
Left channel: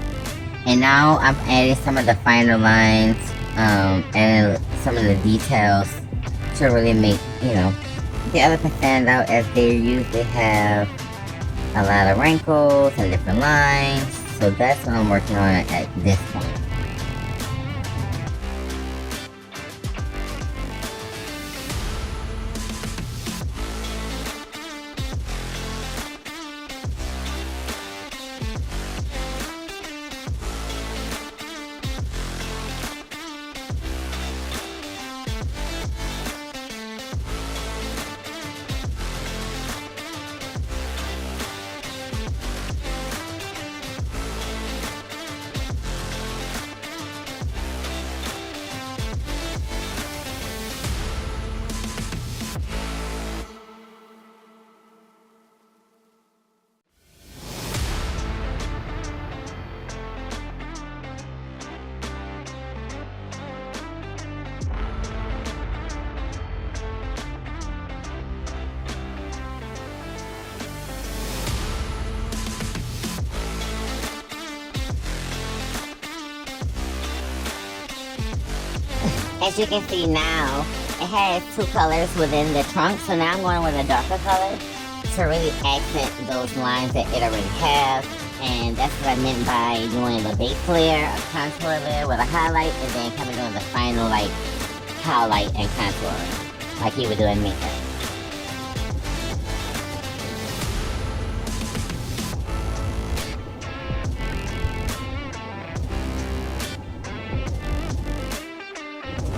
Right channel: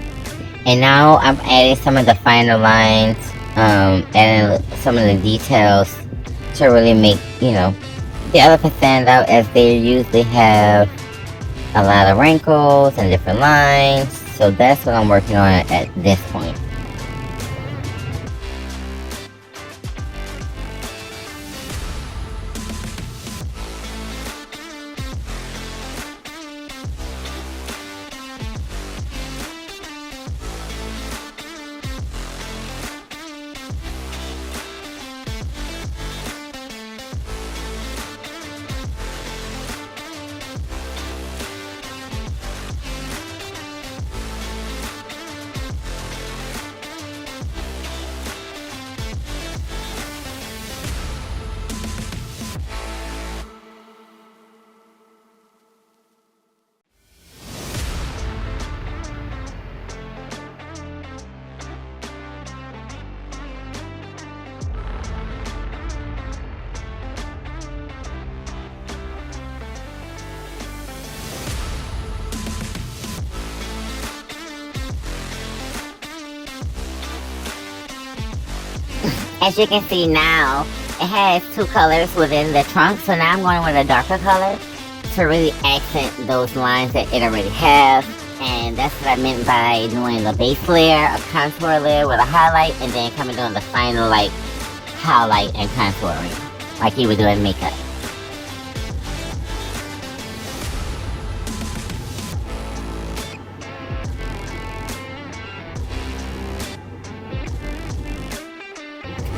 and now I'm adding some of the finer lines, adding some of the details to really make, you know, the elephant stand out, as they usually have a lot of wrinkles and different lines. So that's what I'm working on at this point. As you can see now, it has two colors within the trunk, so now I'm going with a darker color to really accent those lines that it already has. And that's what I meant by doing a base layer, a contour layer with a highlight, and then coming down the final like highlight and contouring, like you would do in makeup.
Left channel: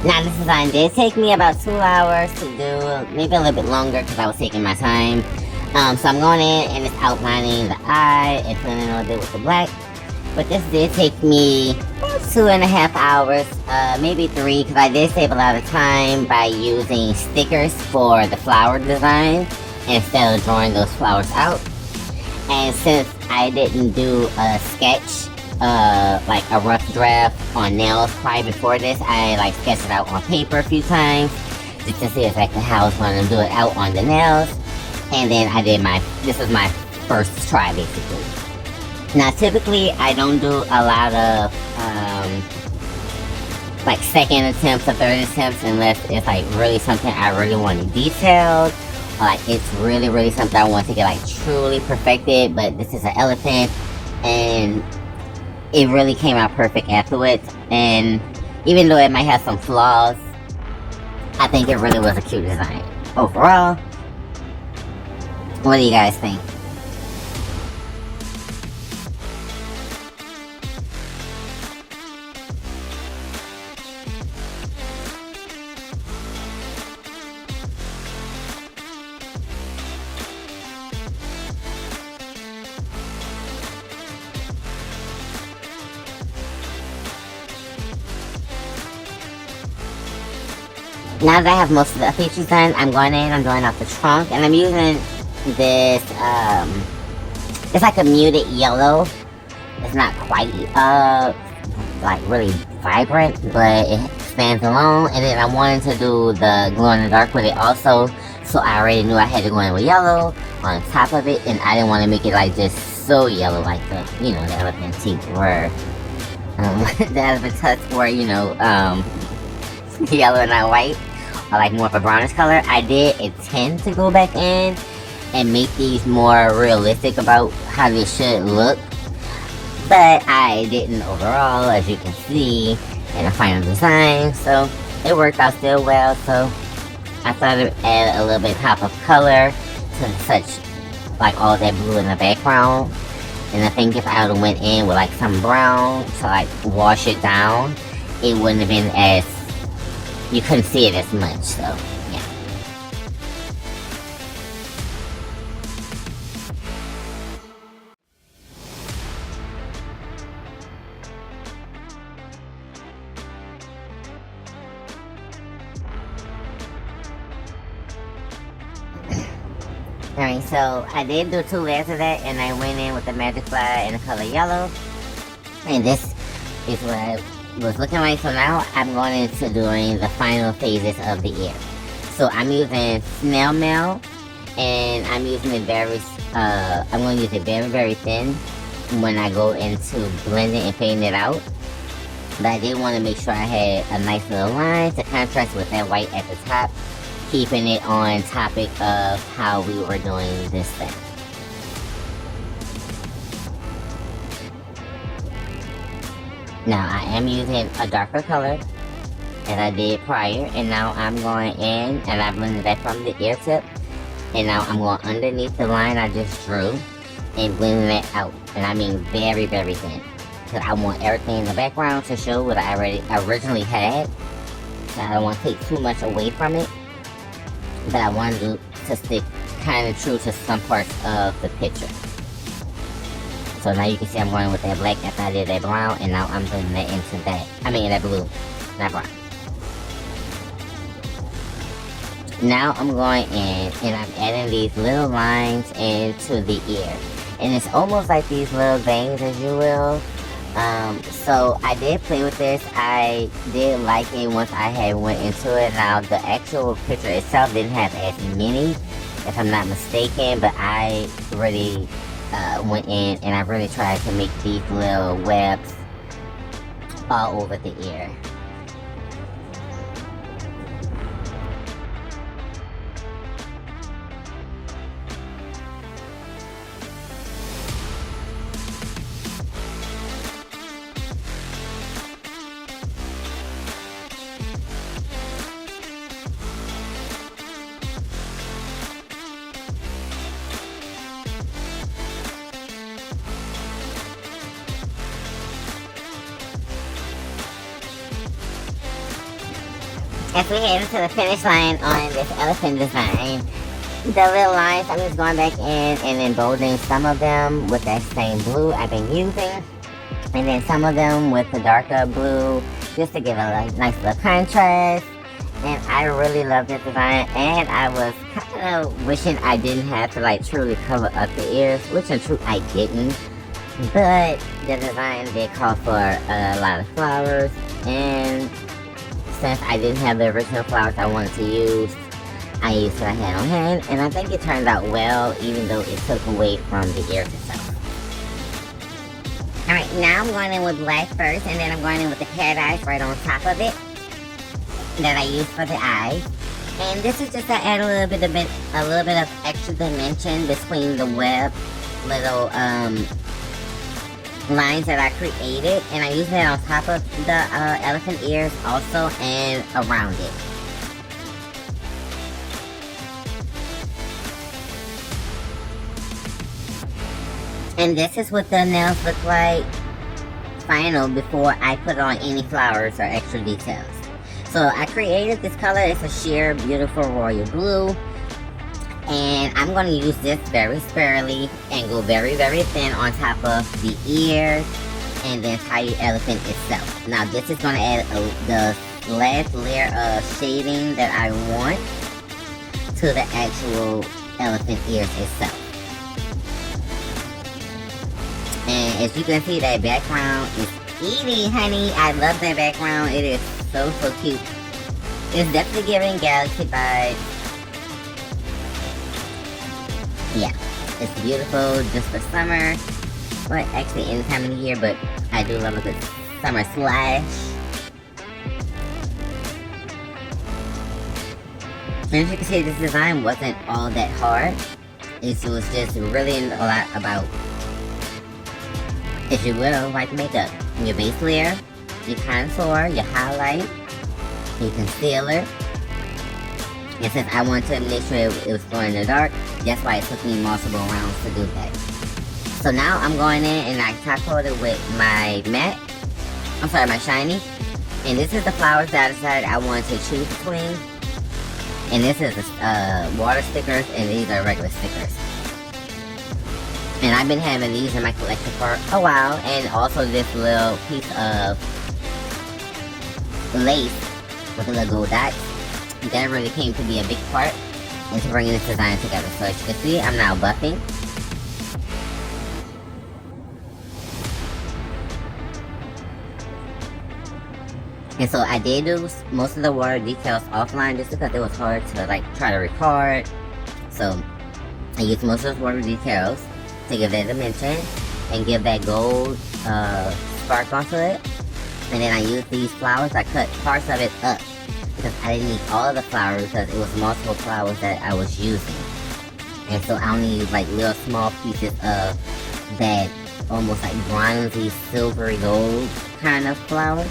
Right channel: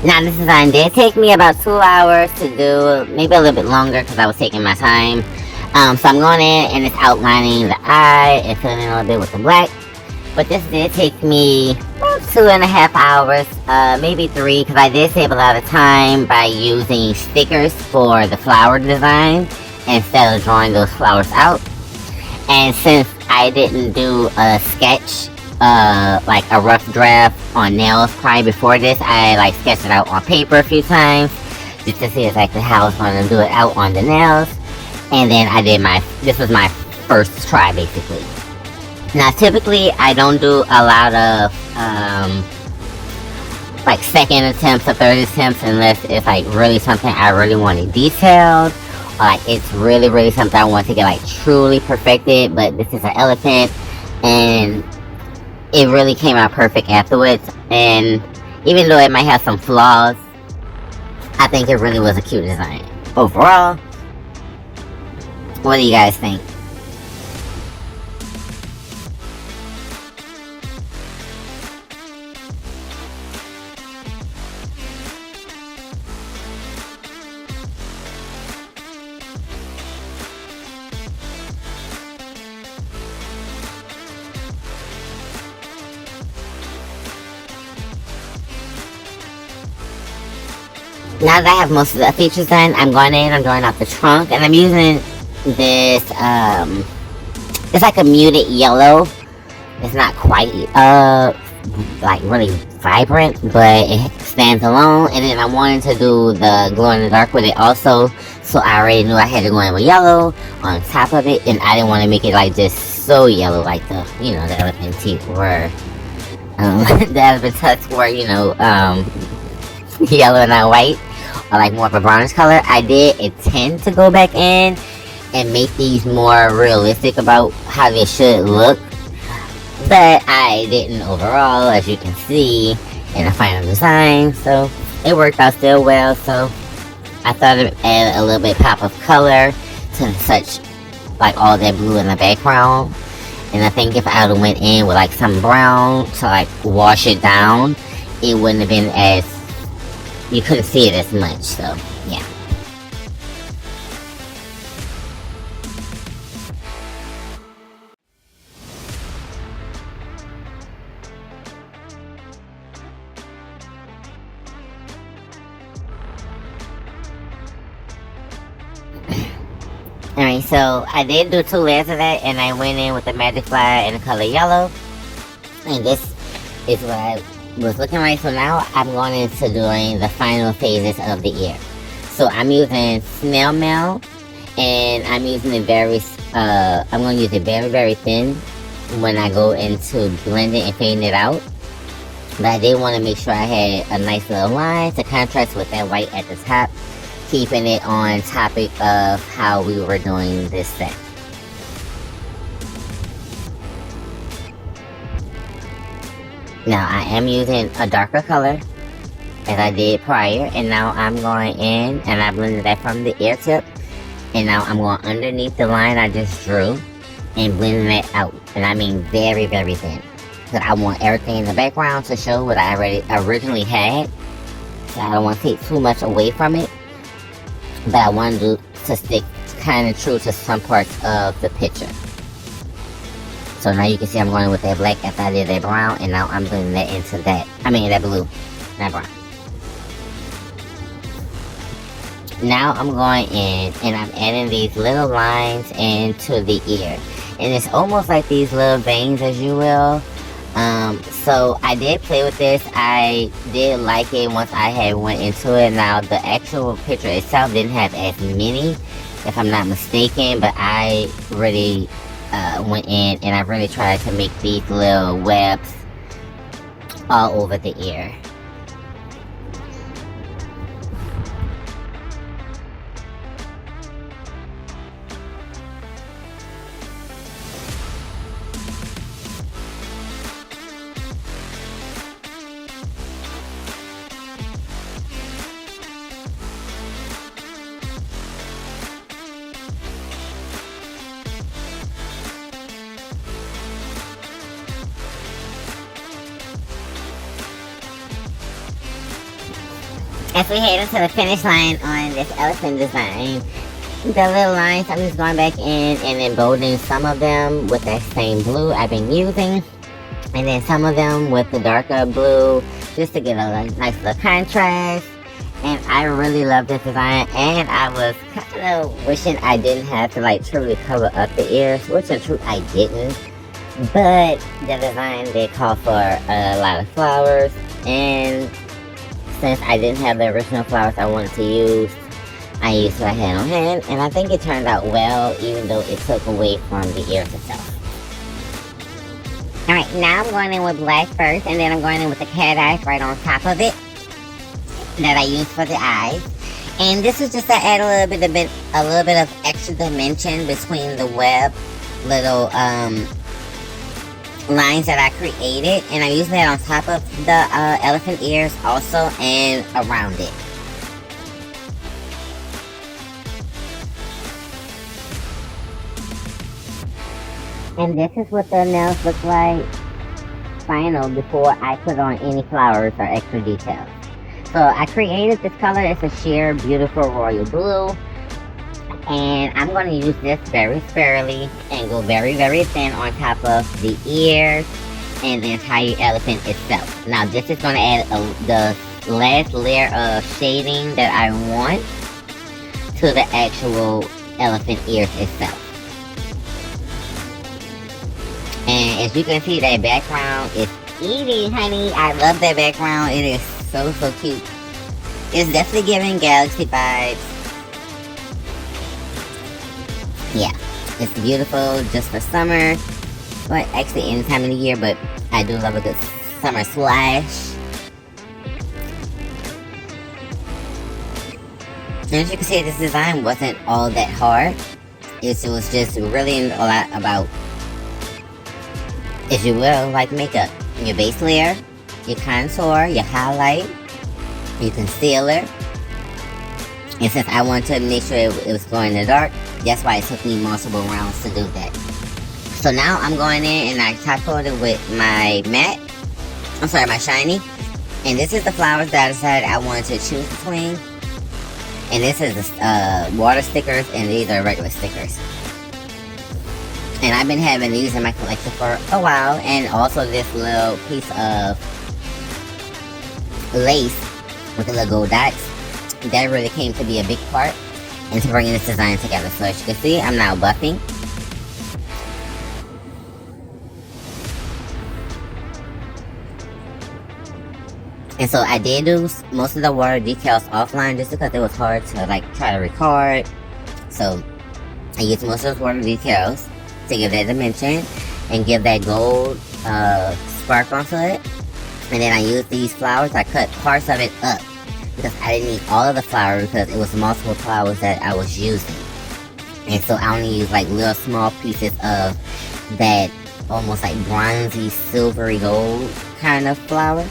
Now this design did take me about 2 hours to do, maybe a little bit longer because I was taking my time. So I'm going in and it's outlining the eye and filling in a little bit with the black. But this did take me about 2.5 hours, maybe 3, because I did save a lot of time by using stickers for the flower design instead of drawing those flowers out. And since I didn't do a sketch, like a rough draft on nails prior before this, I like sketched it out on paper a few times just to see exactly how I was going to do it out on the nails. And then I did this was my first try basically. Now typically I don't do a lot of like second attempts or third attempts unless it's like really something I really want it detailed, or like it's really something I want to get like truly perfected. But this is an elephant and it really came out perfect afterwards. And even though it might have some flaws, I think it really was a cute design overall. What do you guys think? Now that I have most of the features done, I'm going in, I'm drawing out the trunk, and I'm using this, it's like a muted yellow. It's not quite, like really vibrant, but it stands alone. And then I wanted to do the glow in the dark with it also, so I already knew I had to go in with yellow on top of it, and I didn't want to make it like just so yellow, like the, you know, the elephant teeth were, the elephant tusks were, you know, yellow and not white, or like more of a brownish color. I did intend to go back in and make these more realistic about how they should look, but I didn't overall, as you can see in the final design. So it worked out still well, so I thought it would add a little bit pop of color to such like all that blue in the background. And I think if I would went in with like some brown to like wash it down, it wouldn't have been as, you couldn't see it as much. So yeah. Alright, so I did do 2 layers of that, and I went in with the magic flower in the color yellow. And this is what I was looking like. So now I'm going into doing the final phases of the ear. So I'm using snail mail, and I'm using it I'm going to use it very thin when I go into blending and fading it out. But I did want to make sure I had a nice little line to contrast with that white at the top, keeping it on topic of how we were doing this thing. Now I am using a darker color as I did prior, and now I'm going in and I blended that from the ear tip, and now I'm going underneath the line I just drew and blending it out. And I mean very thin, because I want everything in the background to show what I originally had. So I don't want to take too much away from it, but I want to stick kind of true to some parts of the picture. So now you can see I'm going with that black after I did that brown, and now I'm putting that into that, that blue, not brown. Now I'm going in and I'm adding these little lines into the ear. And it's almost like these little veins, as you will. So I did play with this. I did like it once I had went into it. Now the actual picture itself didn't have as many, if I'm not mistaken, but I really went in and I really tried to make these little webs all over the ear. As we head into the finish line on this elephant design, the little lines, I'm just going back in and emboldening some of them with that same blue I've been using. And then some of them with the darker blue, just to give a nice little contrast. And I really love this design, and I was kind of wishing I didn't have to like truly cover up the ears, which in truth I didn't. But the design did call for a lot of flowers, and since I didn't have the original flowers I wanted to use, I used what I had on hand, and I think it turned out well, even though it took away from the ears itself. Alright, now I'm going in with black first, and then I'm going in with the cat eyes right on top of it that I use for the eye. And this is just to add a little bit of extra dimension between the web little lines that I created, and I use that on top of the elephant ears also and around it. And this is what the nails look like final before I put on any flowers or extra details. So I created this color. It's a sheer beautiful royal blue, and I'm going to use this very sparingly and go very thin on top of the ears and the entire elephant itself. Now this is going to add the last layer of shading that I want to the actual elephant ears itself. And as you can see, that background is easy, honey. I love that background. It is so cute. It's definitely giving galaxy vibes. Yeah, it's beautiful just for summer. But actually any time of the year, but I do love a good summer splash. As you can see, this design wasn't all that hard. It was just really a lot about, if you will, like makeup. Your base layer, your contour, your highlight, your concealer. And since I wanted to make sure it was going in the dark, that's why it took me multiple rounds to do that. So now I'm going in and I top coated with my matte, my shiny. And this is the flowers that I decided I wanted to choose between. And this is the water stickers, and these are regular stickers. And I've been having these in my collection for a while, and also this little piece of lace with the little gold dots. That really came to be a big part into bringing this design together. So as you can see, I'm now buffing. And so I did do most of the water decals offline just because it was hard to like try to record. So I used most of those water decals to give that dimension and give that gold spark onto it. And then I used these flowers. I cut parts of it up because I didn't need all of the flowers because it was multiple flowers that I was using. And so I only used like little small pieces of that almost like bronzy silvery gold kind of flower.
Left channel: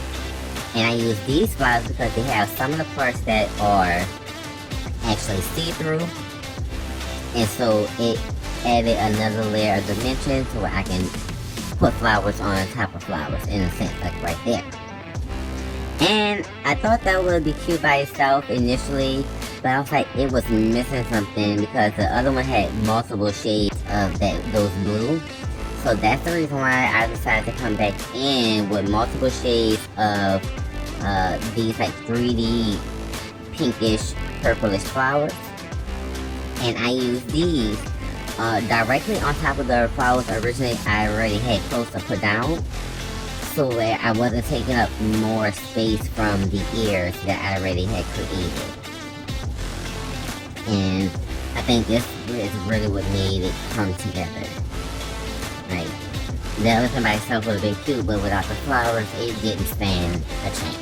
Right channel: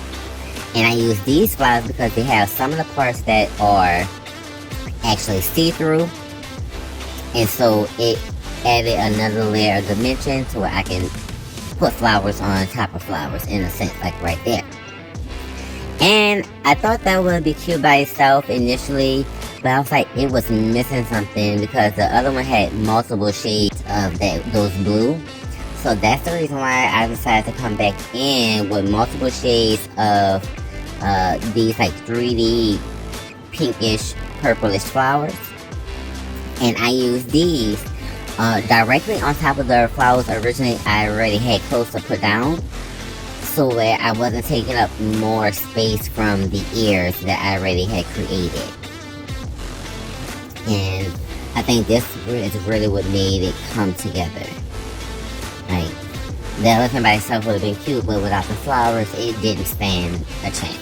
And I use these flowers because they have some of the parts that are actually see-through. And so it added another layer of dimension to where I can put flowers on top of flowers in a sense, like right there. And I thought that would be cute by itself initially, but I was like, it was missing something because the other one had multiple shades of those blue. So that's the reason why I decided to come back in with multiple shades of these like 3D pinkish purplish flowers. And I used these directly on top of the flowers originally I already had close to put down, so that I wasn't taking up more space from the ears that I already had created. And I think this is really what made it come together. Like, the elephant by itself would have been cute, but without the flowers, it didn't stand a chance.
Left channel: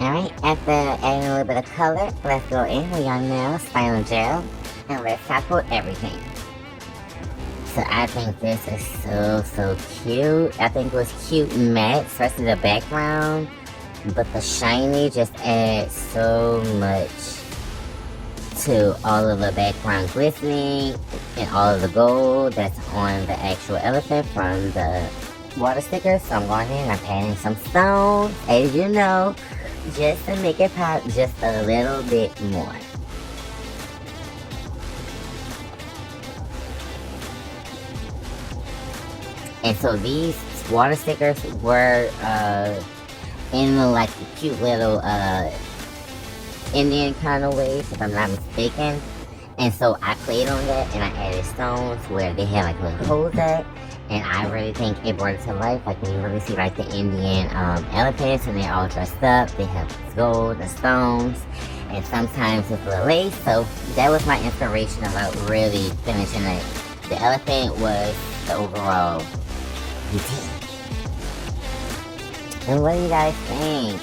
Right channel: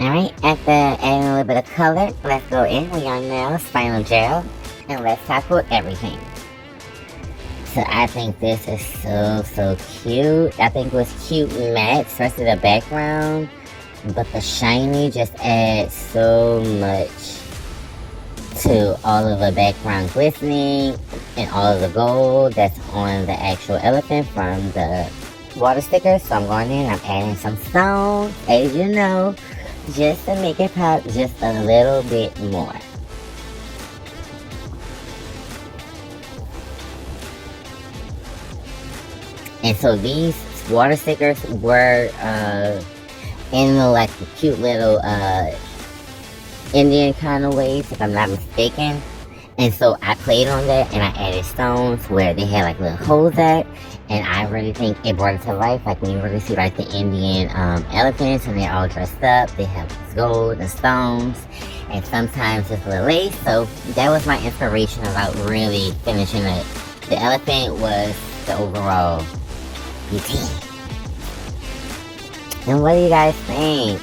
Alright, after adding a little bit of color, let's go in with your nails, final gel, and let's tackle everything. So I think this is so cute. I think it was cute matte, especially the background, but the shiny just adds so much to all of the background glistening and all of the gold that's on the actual elephant from the water stickers. So I'm going in, I'm adding some stones, as you know, just to make it pop just a little bit more. And so these water stickers were in the like cute little Indian kind of ways, if I'm not mistaken. And so I played on that and I added stones where they had like little holes at. And I really think it brought it to life. Like when you really see like the Indian elephants and they're all dressed up. They have this gold, the stones, and sometimes it's the lace. So that was my inspiration about really finishing it. The elephant was the overall routine. And what do you guys think?